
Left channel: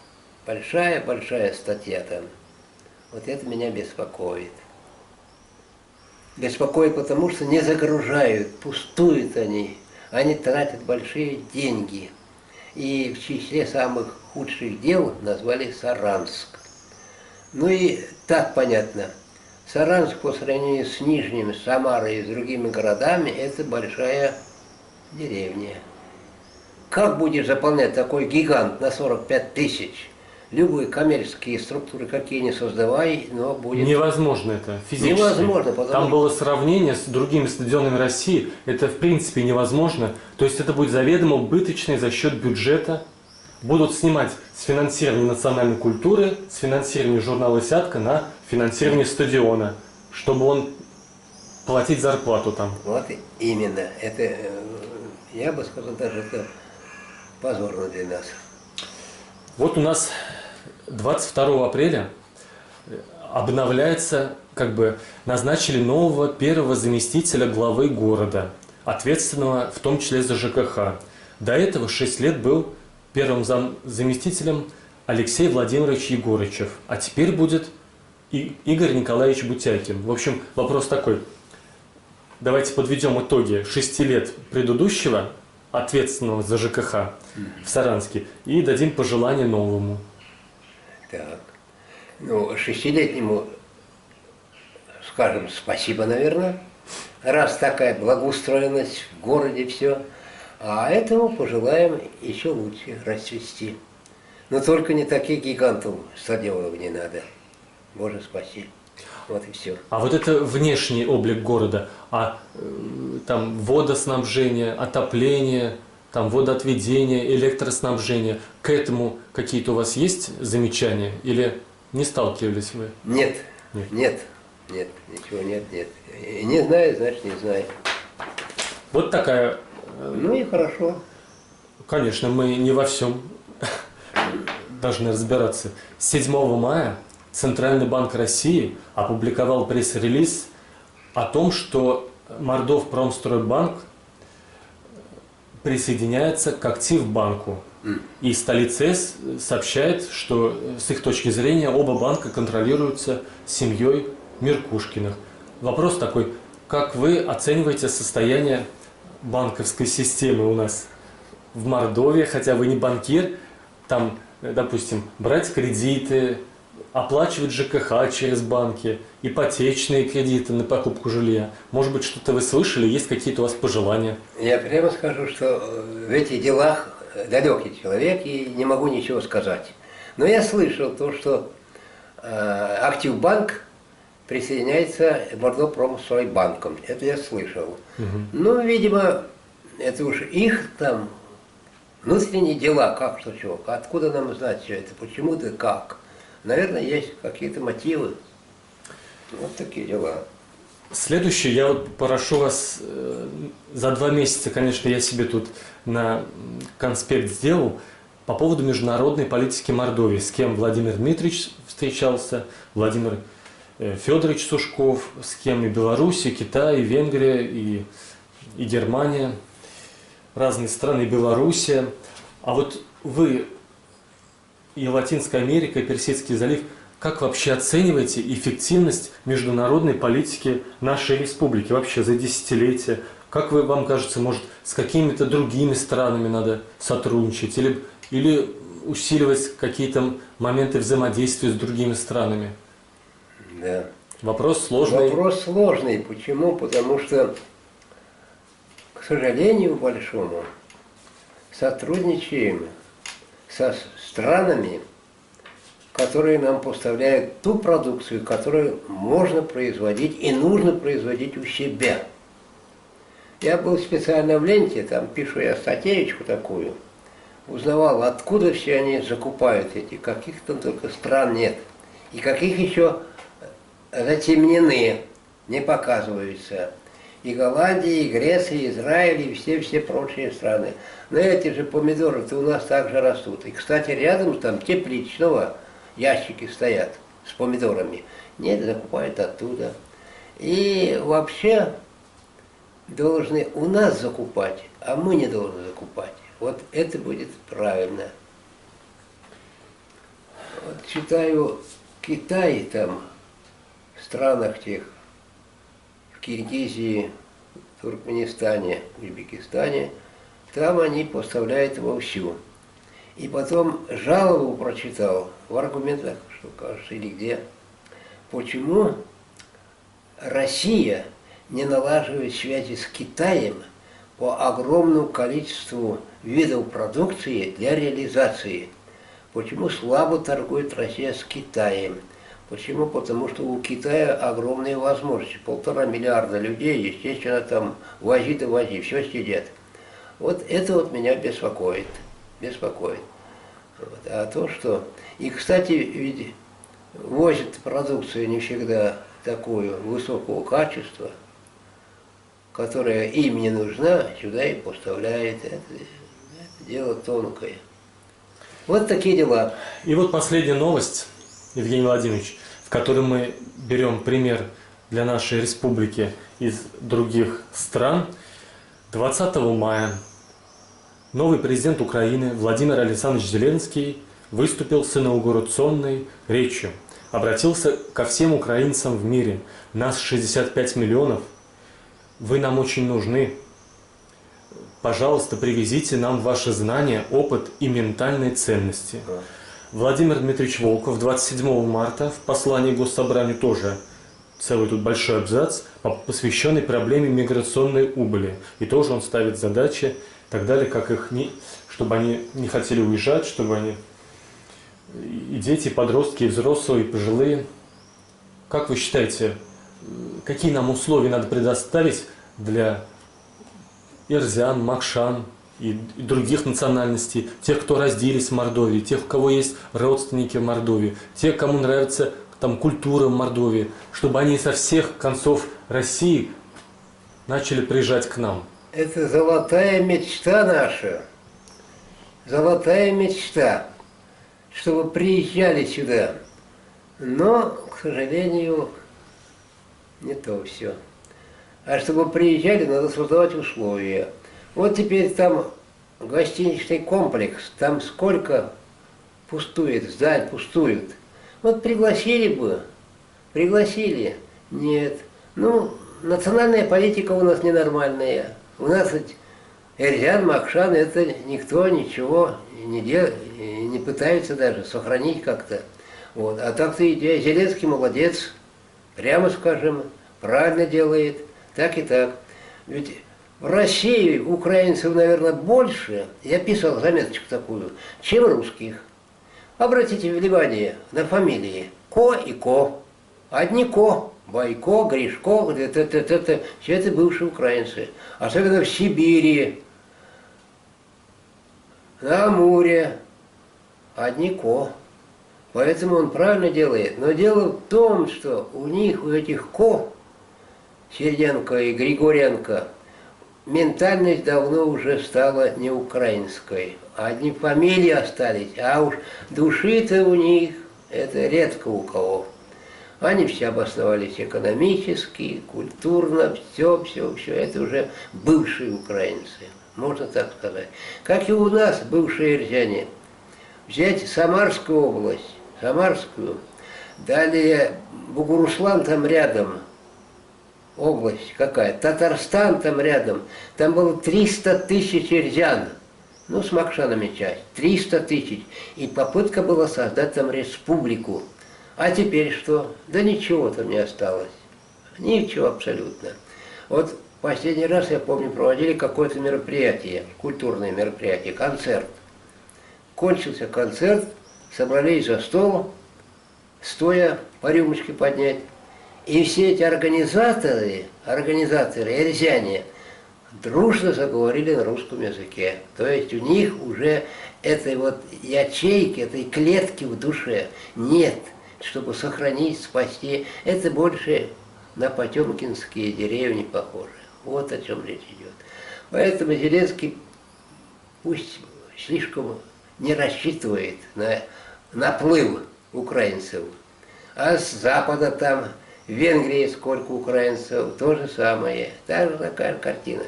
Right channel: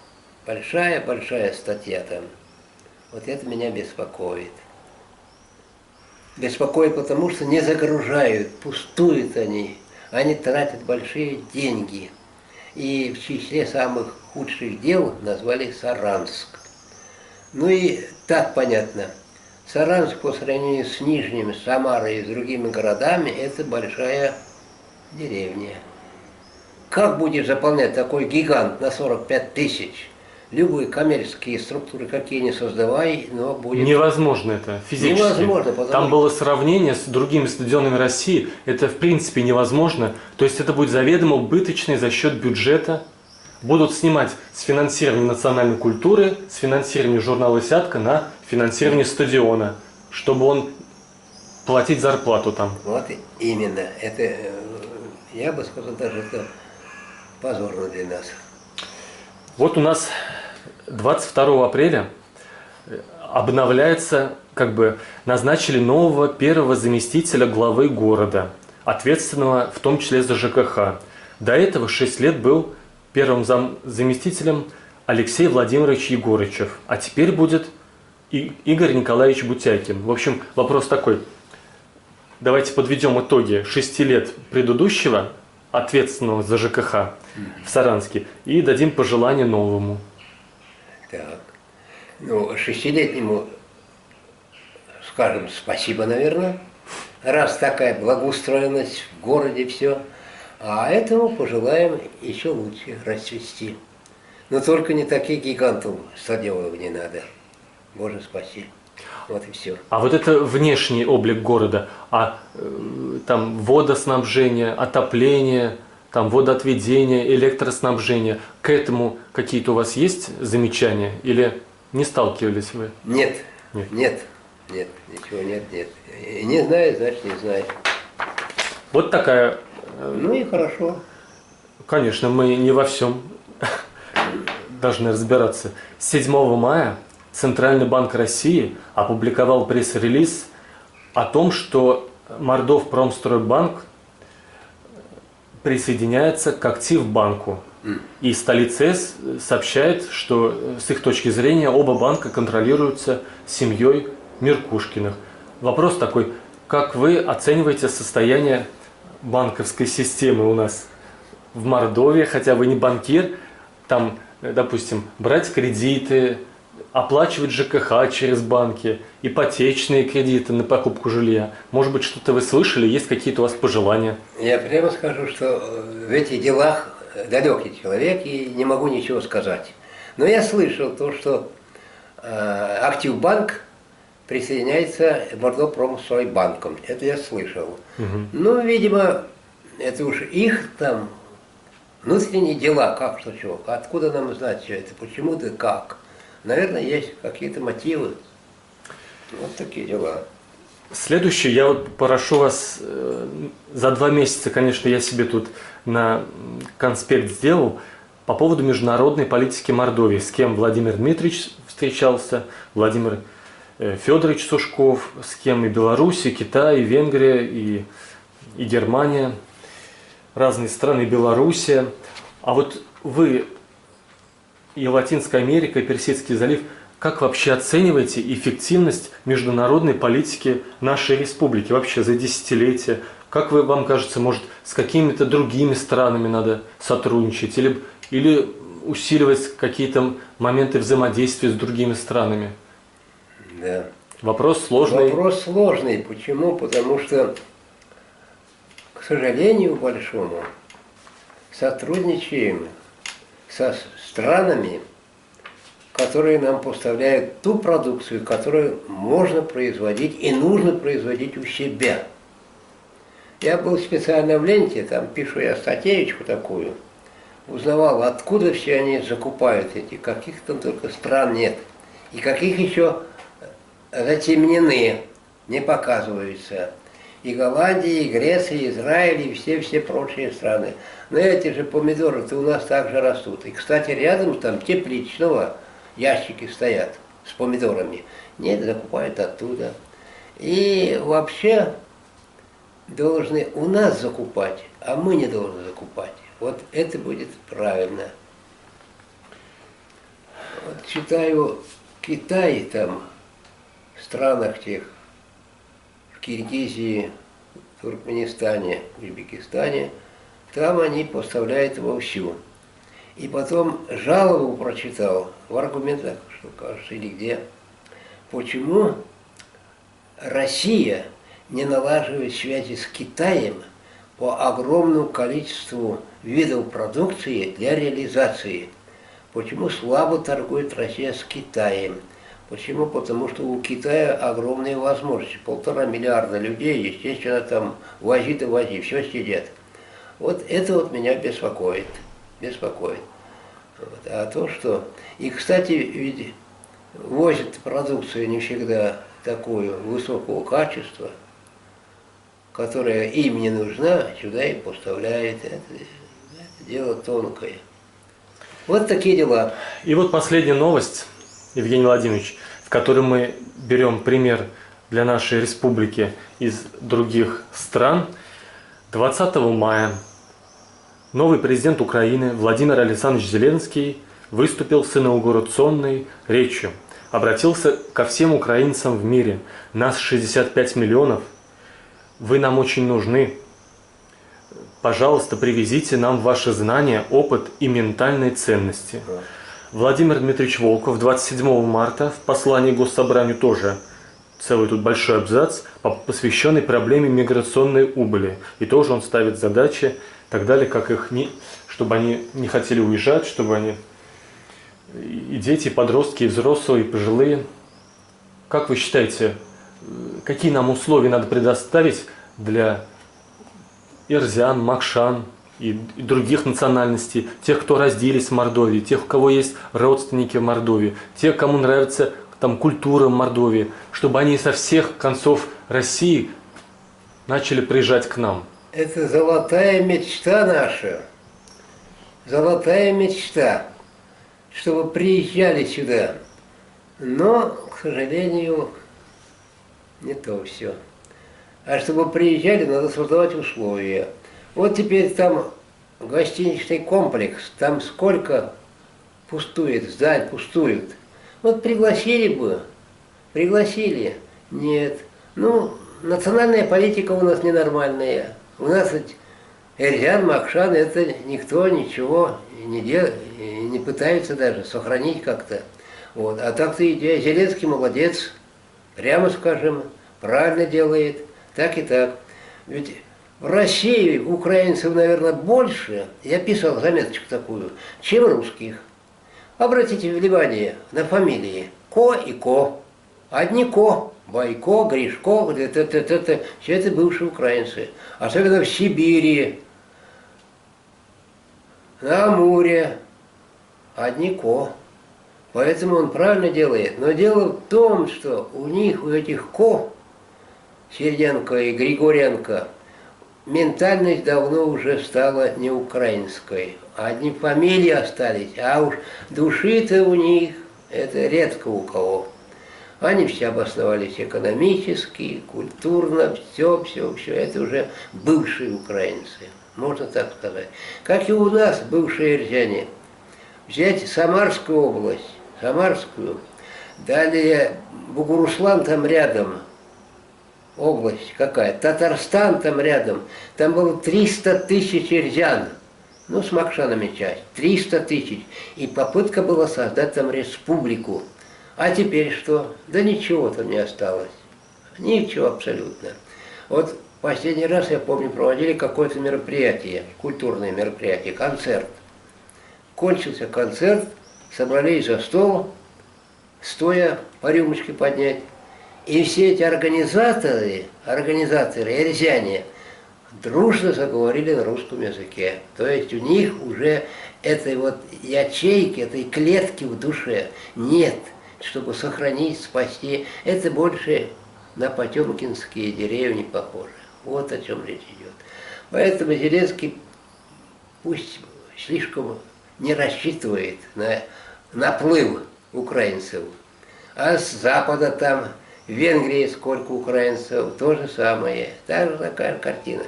Большая статья там. Вот это меня беспокоит. Беспокоит, потому что не загружают, пустуют они. Они тратят большие деньги. И в числе самых худших дел назвали Саранск. Ну и так понятно. Саранск по сравнению с Нижним, Самарой и с другими городами – это большая деревня. Как будешь заполнять такой гигант на 45 тысяч? Любые коммерческие структуры, какие ни создавай, но будет... Невозможно это физически. Невозможно, потому Там что... было сравнение с другими стадионами России. Это в принципе невозможно. То есть это будет заведомо убыточный за счет бюджета. Будут снимать с финансирования национальной культуры, с финансирования журнала «Сятка» на финансирование стадиона, чтобы он платить зарплату там. Вот именно. Это, я бы сказал, даже это позорно для нас. Вот у нас 22 апреля обновляется, назначили нового первого заместителя главы города, ответственного в том числе за ЖКХ. До этого 6 лет был первым заместителем Алексей Владимирович Егорычев, а теперь будет Игорь Николаевич Бутякин. В общем, вопрос такой. Давайте подведем итоги 6 лет предыдущего ответственного за ЖКХ в Саранске и дадим пожелание новому. Так. Ну, 6-летнему скажем спасибо, наверное, раз такая благоустроенность в городе, все. А этому пожелаем еще лучше расцвести. Но только не таких гигантов стадионов не надо. Боже спаси. Вот и все. А вот это внешний облик города, там водоснабжение, отопление, там водоотведение, электроснабжение, к этому какие-то у вас есть замечания или не сталкивались вы? Нет, нет, ничего нет. Не знаю, значит не знаю. Вот такая... Ну и хорошо. Конечно, мы не во всем должны разбираться. 7 мая Центральный банк России опубликовал пресс-релиз о том, что Мордовпромстройбанк присоединяется к Активбанку. И столица сообщает, что с их точки зрения оба банка контролируются семьей Меркушкиных. Вопрос такой, как вы оцениваете состояние банковской системы у нас в Мордовии, хотя вы не банкир, там, допустим, брать кредиты, оплачивать ЖКХ через банки, ипотечные кредиты на покупку жилья. Может быть, что-то вы слышали, есть какие-то у вас пожелания? Я прямо скажу, что в этих делах далекий человек и не могу ничего сказать. Но я слышал то, что Активбанк присоединяется к Мордовпромстройбанком. Это я слышал. Ну, видимо, это уж их там внутренние дела, как, что, чего. Откуда нам знать все это, почему да как. Наверное, есть какие-то мотивы. Вот такие дела. Следующее, я вот прошу вас, за 2 месяца, конечно, я себе тут на конспект сделал по поводу международной политики Мордовии, с кем Владимир Дмитриевич встречался, Владимир Федорович Сушков, с кем и Беларусь, и Китай, и Венгрия, и Германия, разные страны, и Белоруссия. А вот вы, и Латинская Америка, и Персидский залив, как вообще оцениваете эффективность международной политики нашей республики вообще за десятилетия? Как вам кажется, может, с какими-то другими странами надо сотрудничать или усиливать какие-то моменты взаимодействия с другими странами? Да. Вопрос сложный. Вопрос сложный. Почему? Потому что, к сожалению большому, сотрудничаем со странами, которые нам поставляют ту продукцию, которую можно производить и нужно производить у себя. Я был специально в ленте, там пишу я статейку такую, узнавал, откуда все они закупают эти, каких там только стран нет, и каких еще затемнены, не показываются. И Голландия, и Греция, и Израиль, и все прочие страны. Но эти же помидоры-то у нас также растут. И, кстати, рядом там тепличного ящики стоят с помидорами. Нет, закупают оттуда. И вообще должны у нас закупать, а мы не должны закупать. Вот это будет правильно. Вот читаю Китай там, в странах тех, в Киргизии, в Туркменистане, в Узбекистане, там они поставляют вовсю. И потом жалобу прочитал в аргументах, что кажется, или где, почему Россия не налаживает связи с Китаем по огромному количеству видов продукции для реализации. Почему слабо торгует Россия с Китаем? Почему? Потому что у Китая огромные возможности. 1,5 миллиарда людей, естественно, там вози да вози, все сидят. Вот это вот меня беспокоит. Беспокоит. Вот. А то, что... И, кстати, ведь возят продукцию не всегда такую высокого качества, которая им не нужна, сюда и поставляет. Это дело тонкое. Вот такие дела. И вот последняя новость, Евгений Владимирович, в которой мы берем пример для нашей республики из других стран. 20 мая новый президент Украины Владимир Александрович Зеленский выступил с инаугурационной речью. Обратился ко всем украинцам в мире. Нас 65 миллионов. Вы нам очень нужны. Пожалуйста, привезите нам ваши знания, опыт и ментальные ценности. Владимир Дмитриевич Волков 27 марта в послании Госсобранию тоже целый тут большой абзац, посвященный проблеме миграционной убыли. И тоже он ставит задачи, так далее, как их чтобы они не хотели уезжать, чтобы они и дети, и подростки, и взрослые, и пожилые. Как вы считаете, какие нам условия надо предоставить для ирзян, макшан и других национальностей, тех, кто родились в Мордовии, тех, у кого есть родственники в Мордовии, тех, кому нравится там культура в Мордовии, чтобы они со всех концов России начали приезжать к нам? Это золотая мечта наша, золотая мечта, чтобы приезжали сюда. Но, к сожалению, не то все. А чтобы приезжали, надо создавать условия. Вот теперь там гостиничный комплекс, там сколько пустует, зданий пустуют. Вот пригласили бы, пригласили. Нет. Ну, национальная политика у нас ненормальная. У нас ведь Эрзян, Макшан, это никто ничего не пытается даже сохранить как-то. Вот. А так-то Зеленский молодец, прямо скажем, правильно делает, так и так. Ведь в России украинцев, наверное, больше, я писал заметочку такую, чем русских. Обратите внимание на фамилии Ко и Ко. Одни Ко, Байко, Гришко, все это бывшие украинцы. Особенно в Сибири, на Амуре, одни Ко. Поэтому он правильно делает. Но дело в том, что у них, у этих Ко, Серденко и Григоренко, ментальность давно уже стала не украинской. Одни фамилии остались, а уж души-то у них, это редко у кого. Они все обосновались экономически, культурно, все. Это уже бывшие украинцы, можно так сказать. Как и у нас, бывшие ирзяне. Взять Самарскую область, Самарскую, далее Бугуруслан там рядом, область какая, Татарстан там рядом, там было 300 тысяч ирзян, ну с макшанами часть, 300 тысяч. И попытка была создать там республику. А теперь что? Да ничего там не осталось. Ничего абсолютно. Вот последний раз, я помню, проводили какое-то мероприятие, культурное мероприятие, концерт. Кончился концерт, собрались за стол, стоя по рюмочке поднять. И все эти организаторы, эрзяне, дружно заговорили на русском языке. То есть у них уже этой вот ячейки, этой клетки в душе нет, чтобы сохранить, спасти. Это больше на потемкинские деревни похоже. Вот о чем речь идет. Поэтому Зеленский пусть слишком не рассчитывает на наплыв украинцев. А с запада там, в Венгрии сколько украинцев, то же самое. Та же такая картина.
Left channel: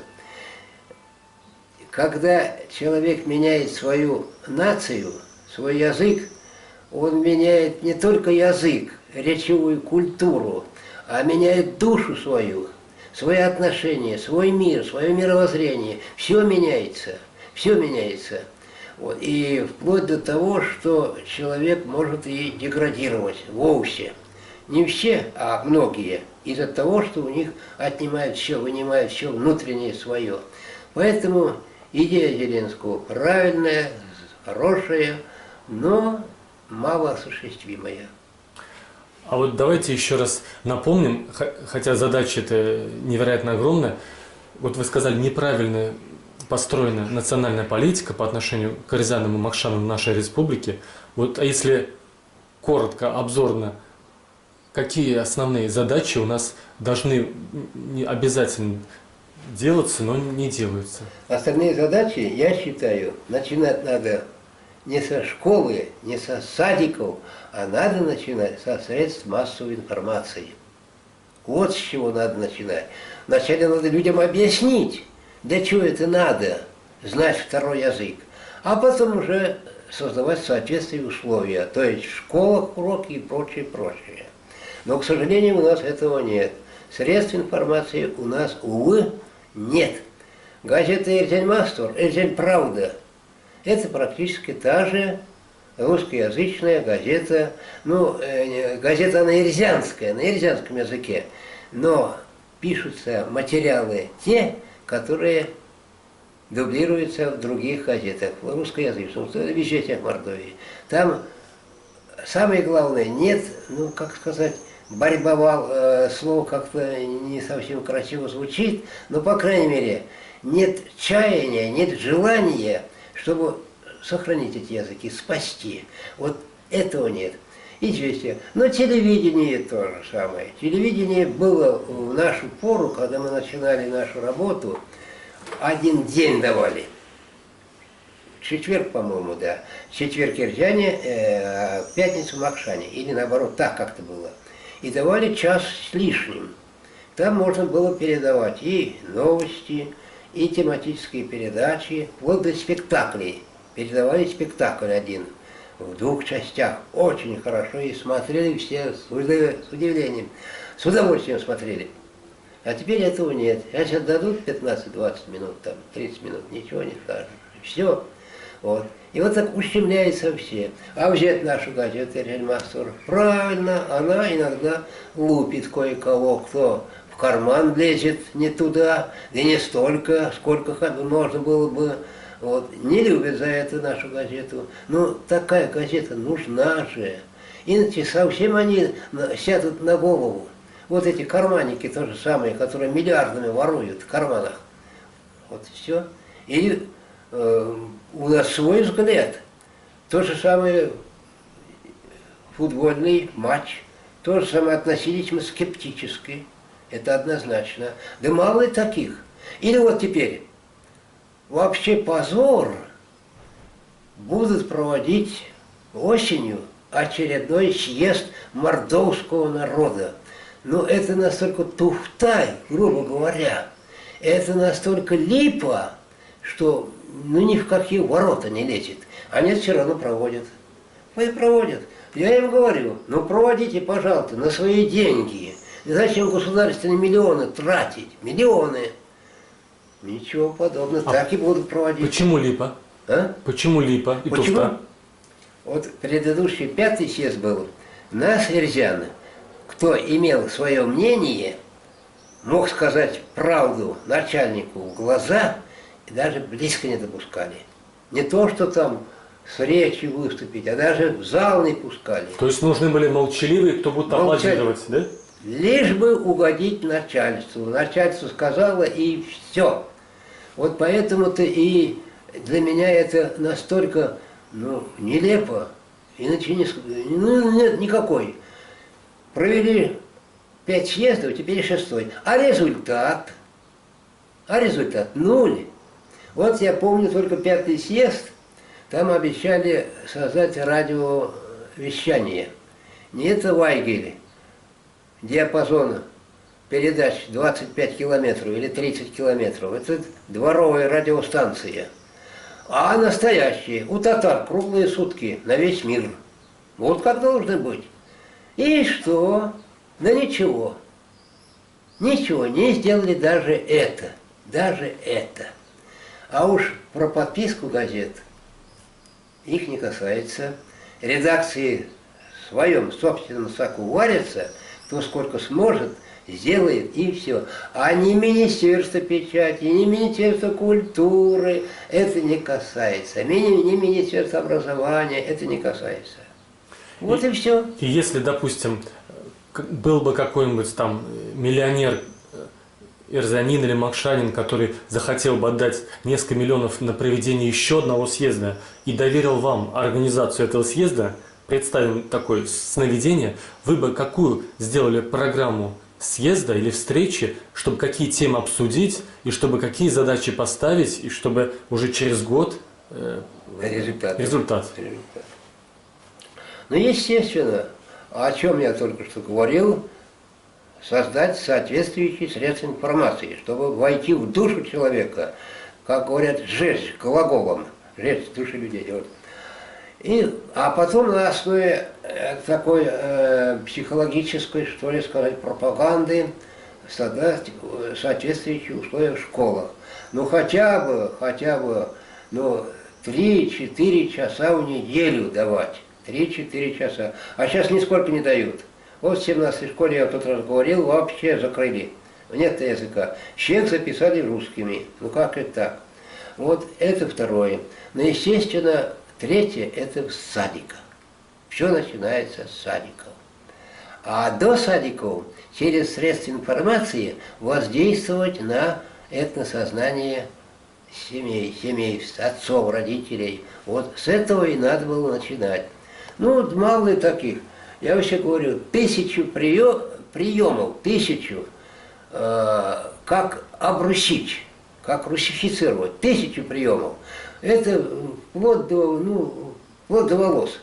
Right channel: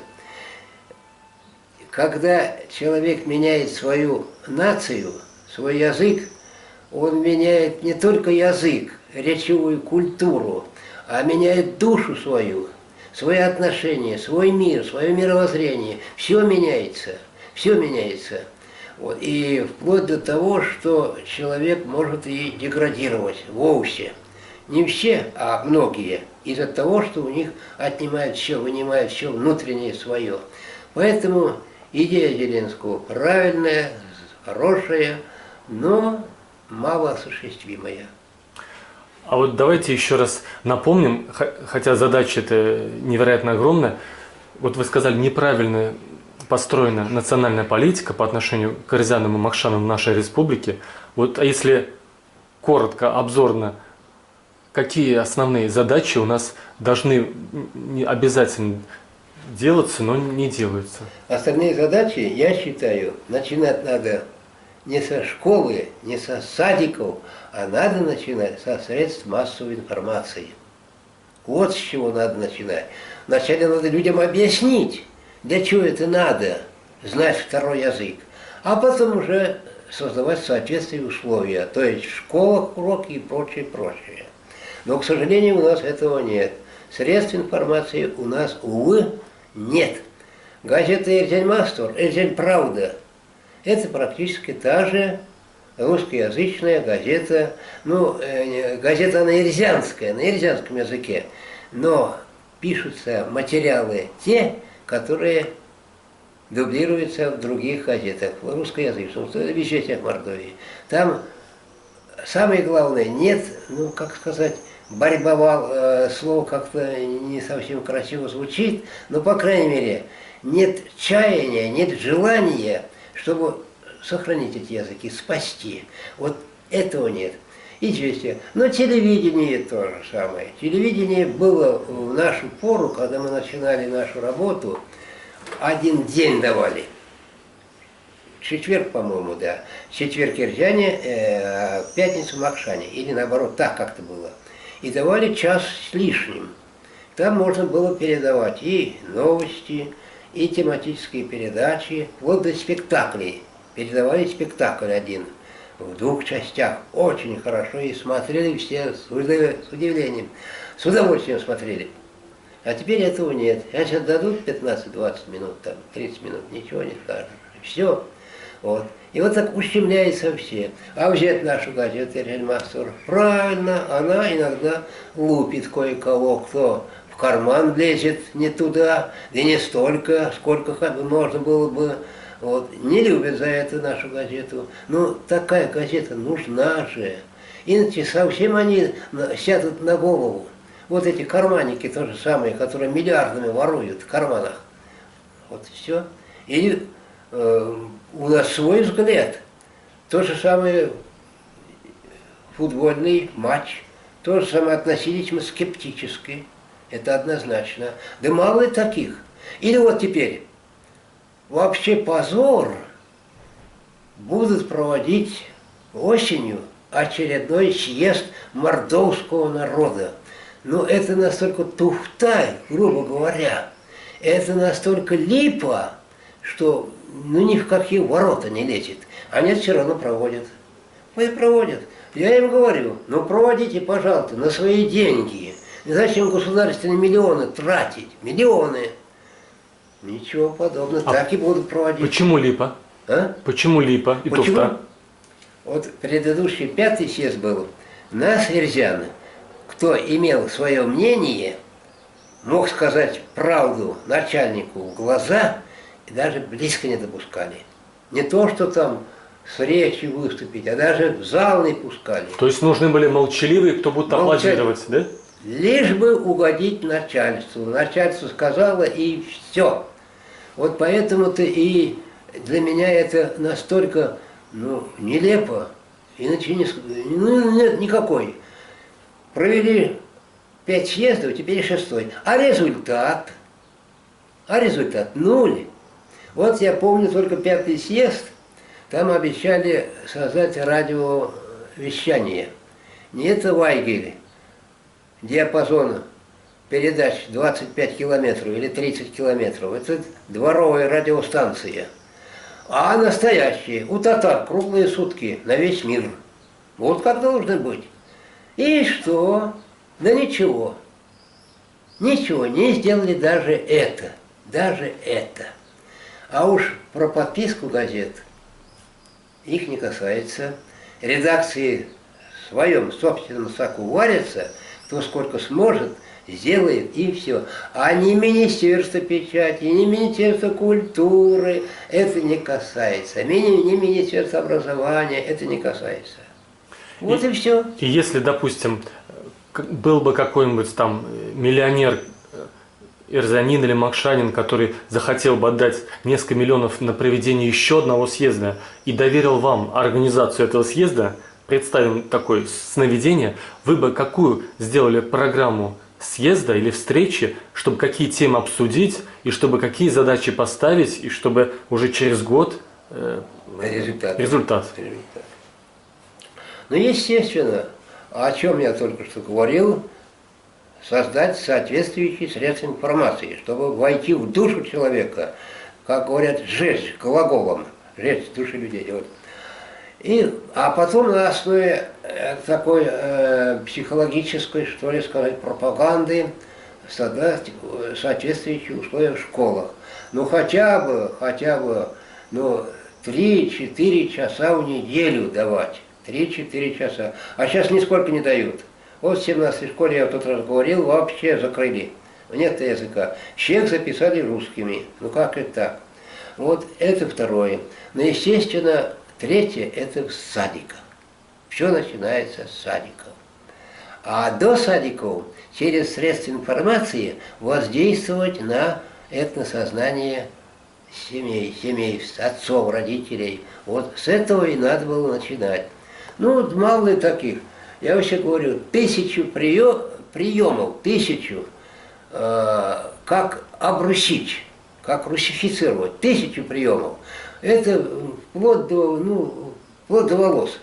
Когда человек меняет свою нацию, свой язык, он меняет не только язык, речевую культуру, а меняет душу свою, свои отношения, свой мир, свое мировоззрение. Все меняется, все меняется. Вот. И вплоть до того, что человек может и деградировать вовсе. Не все, а многие. Из-за того, что у них отнимают все, вынимают все внутреннее свое. Поэтому идея Зеленского правильная, хорошая, но малоосуществимая. А вот давайте еще раз напомним, хотя задача эта невероятно огромная. Вот вы сказали, неправильно построена национальная политика по отношению к Карзянам и Махшанам в нашей республике. Вот, а если коротко, обзорно, какие основные задачи у нас должны не обязательно делаться, но не делаются? Остальные задачи, я считаю, начинать надо не со школы, не со садиков, а надо начинать со средств массовой информации. Вот с чего надо начинать. Вначале надо людям объяснить, для чего это надо, знать второй язык, а потом уже создавать соответствующие условия, то есть в школах уроки и прочее, прочее. Но, к сожалению, у нас этого нет. Средств информации у нас, увы, нет. Газета «Эрзянь Мастор», «Эрзянь Правда» – это практически та же русскоязычная газета, ну, газета на эрзянском языке, но пишутся материалы те, которые дублируются в других газетах, в русскоязычных, в «Веществах Мордовии». Там самое главное, нет, ну, как сказать, борьба, слово как-то не совсем красиво звучит, но, по крайней мере, нет чаяния, нет желания, чтобы сохранить эти языки, спасти. Вот этого нет. Известие. Но телевидение то же самое. Телевидение было в нашу пору, когда мы начинали нашу работу, один день давали. Четверг, по-моему, да. Четверг Эрзяне, пятницу Махшане. Или наоборот, так как-то было. И давали час с лишним. Там можно было передавать и новости, и тематические передачи, вплоть до спектаклей. Передавали спектакль один в 2 частях. Очень хорошо. И смотрели все с удивлением, с удовольствием смотрели. А теперь этого нет. А сейчас дадут 15-20 минут, там, 30 минут, ничего не скажут. Все. Вот. И вот так ущемляется все. А взять нашу газету «Эрзянь Мастор», правильно, она иногда лупит кое-кого, кто в карман лезет не туда, и не столько, сколько можно было бы. Вот. Не любят за это нашу газету. Но такая газета нужна же. Иначе совсем они сядут на голову. Вот эти карманники то же самое, которые миллиардами воруют в карманах. Вот все. И у нас свой взгляд. То же самое футбольный матч. То же самое относились мы скептически. Это однозначно. Да мало таких. Или вот теперь. Вообще позор. Будут проводить осенью очередной съезд мордовского народа. Но это настолько туфта, грубо говоря. Это настолько липа, что ну ни в какие ворота не лезет. Они все равно проводят. Пусть проводят. Я им говорю, ну проводите, пожалуйста, на свои деньги. Зачем государственные миллионы тратить? Миллионы. Ничего подобного. Так и будут проводить. Почему липа? А? Почему липа и Почему? туфта? Вот предыдущий 5-й съезд был. Нас, эрзяны, кто имел свое мнение, мог сказать правду начальнику в глаза и даже близко не допускали. Не то, что там с речью выступить, а даже в зал не пускали. То есть нужны были молчаливые, кто будет аплодировать, да? Лишь бы угодить начальству. Начальство сказало, и все. Вот поэтому-то и для меня это настолько нелепо. Иначе нет никакой. Провели 5 съездов, теперь 6-й. А результат? Нуль. Вот я помню только 5-й съезд, там обещали создать радиовещание. Не это Вайгель, диапазон передач 25 километров или 30 километров. Это дворовая радиостанция. А настоящие, у татар круглые сутки на весь мир. Вот как должно быть. И что? Да ничего. Ничего, не сделали даже это. Даже это. А уж про подписку газет их не касается. Редакции своем собственном соку варится, кто сколько сможет, сделает и все. А ни Министерство печати, ни Министерство культуры это не касается. Ни Министерство образования это не касается. Вот и все. И если, допустим, был бы какой-нибудь там миллионер Эрзанин или Макшанин, который захотел бы отдать несколько миллионов на проведение еще одного съезда и доверил вам организацию этого съезда, представим такое сновидение, вы бы какую сделали программу съезда или встречи, чтобы какие темы обсудить, и чтобы какие задачи поставить, и чтобы уже через год результат. Ну, естественно, о чем я только что говорил, создать соответствующие средства информации, чтобы войти в душу человека, как говорят, сжечь глаголом, сжечь души людей. Вот. А потом на основе такой психологической, что ли сказать, пропаганды создать соответствующие условия в школах. Ну хотя бы, ну, 3-4 часа в неделю давать. 3-4 часа. А сейчас нисколько не дают. Вот в 17-й школе, я в тот раз говорил, вообще закрыли. Нет языка. Всех записали русскими. Ну как это так? Вот это второе. Но, естественно, третье – это в садиках. Все начинается с садиков. А до садиков через средства информации воздействовать на этносознание семей, отцов, родителей. Вот с этого и надо было начинать. Ну, мало ли таких. Я вообще говорю, 1000 приемов, 1000, как обрусить, как русифицировать, 1000 приемов. Это вплоть до волос.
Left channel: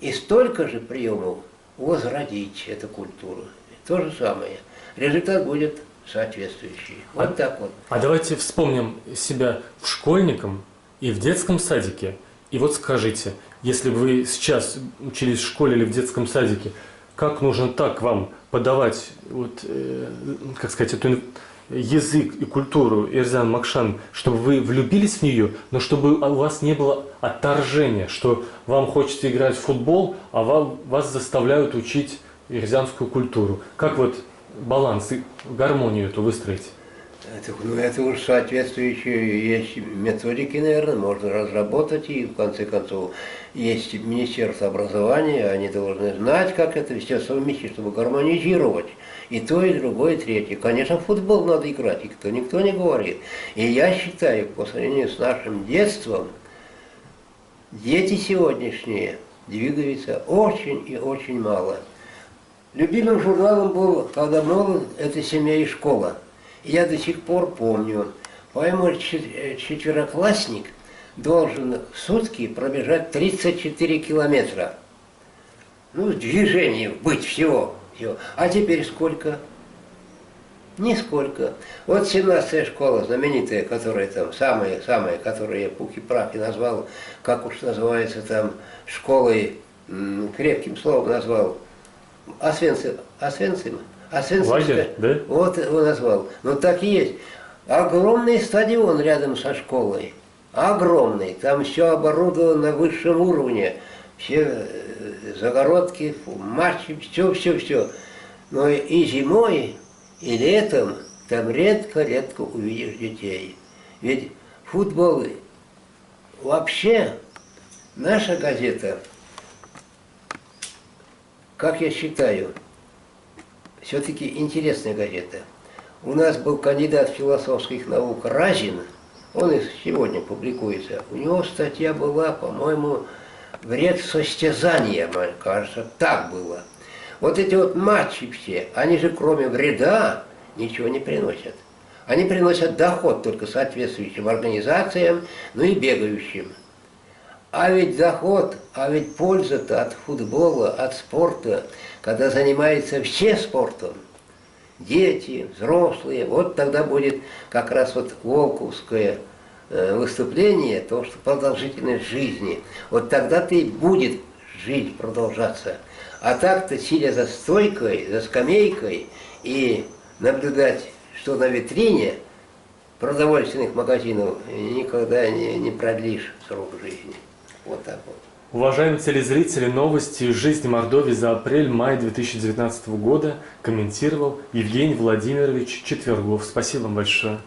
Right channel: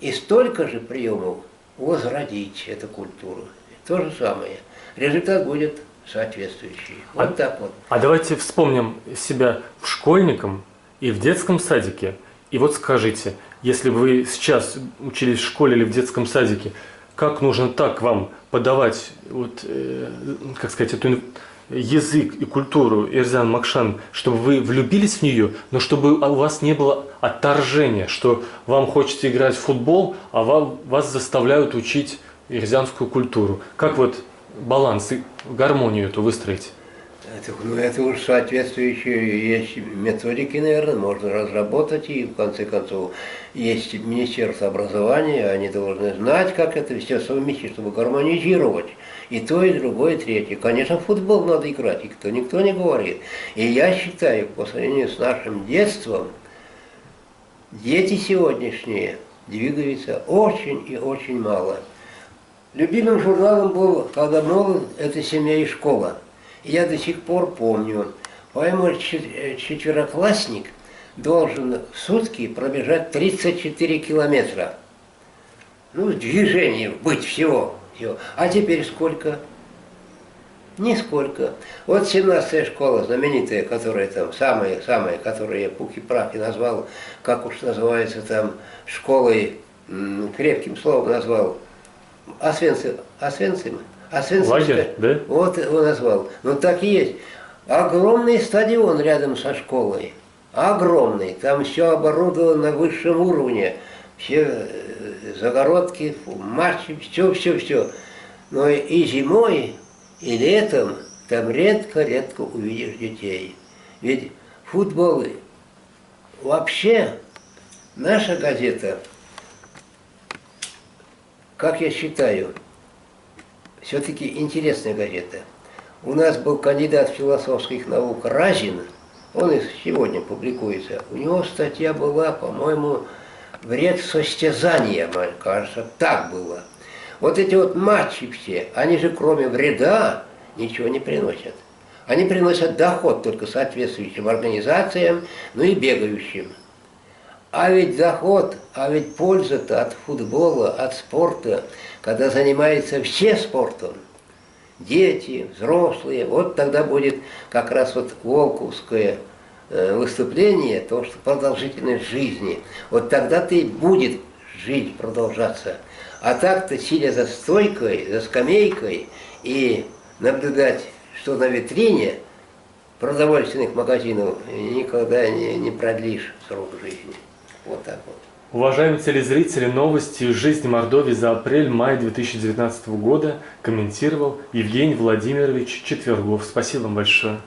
И столько же приемов возродить эту культуру. То же самое. Результат будет соответствующий. Вот так вот. А давайте вспомним себя школьником и в детском садике. И вот скажите, если вы сейчас учились в школе или в детском садике, как нужно так вам подавать, вот, как сказать, эту язык и культуру Эрзан Макшан, чтобы вы влюбились в нее, но чтобы у вас не было отторжения, что вам хочется играть в футбол, а вас заставляют учить эрзянскую культуру. Как вот баланс и гармонию эту выстроить? Это уж соответствующие есть методики, наверное, можно разработать, и в конце концов есть Министерство образования, они должны знать, как это все совместить, чтобы гармонизировать и то, и другое, и третье. Конечно, в футбол надо играть, и никто не говорит. И я считаю, по сравнению с нашим детством, дети сегодняшние двигаются очень и очень мало. Любимым журналом был, когда молод, это «Семья и школа». Я до сих пор помню, по-моему, четвероклассник должен в сутки пробежать 34 километра. Ну, в движении быть всего. А теперь сколько? Нисколько. Вот 17-я школа знаменитая, которая там, самая, которую я пуки-праки назвал, как уж называется там, школой, крепким словом назвал, Освенцим. Лагерь, да? Вот его назвал. Ну так и есть. Огромный стадион рядом со школой. Огромный. Там все оборудовано на высшем уровне. Все загородки, матчи, все. Но и зимой, и летом там редко увидишь детей. Ведь футбол вообще наша газета, как я считаю, все-таки интересная газета. У нас был кандидат философских наук Разин, он и сегодня публикуется. У него статья была, по-моему, «Вред состязания», мне кажется, так было. Вот эти вот матчи все, они же кроме вреда ничего не приносят. Они приносят доход только соответствующим организациям, ну и бегающим. А ведь доход, польза-то от футбола, от спорта, когда занимаются все спортом, дети, взрослые, вот тогда будет как раз вот волковское выступление, то, что продолжительность жизни, вот тогда-то и будет жизнь продолжаться. А так-то, сидя за стойкой, за скамейкой и наблюдать, что на витрине продовольственных магазинов, никогда не продлишь срок жизни. Вот так вот. Уважаемые телезрители, новости из жизни Мордовии за апрель-май 2019 года комментировал Евгений Владимирович Четвергов. Спасибо вам большое.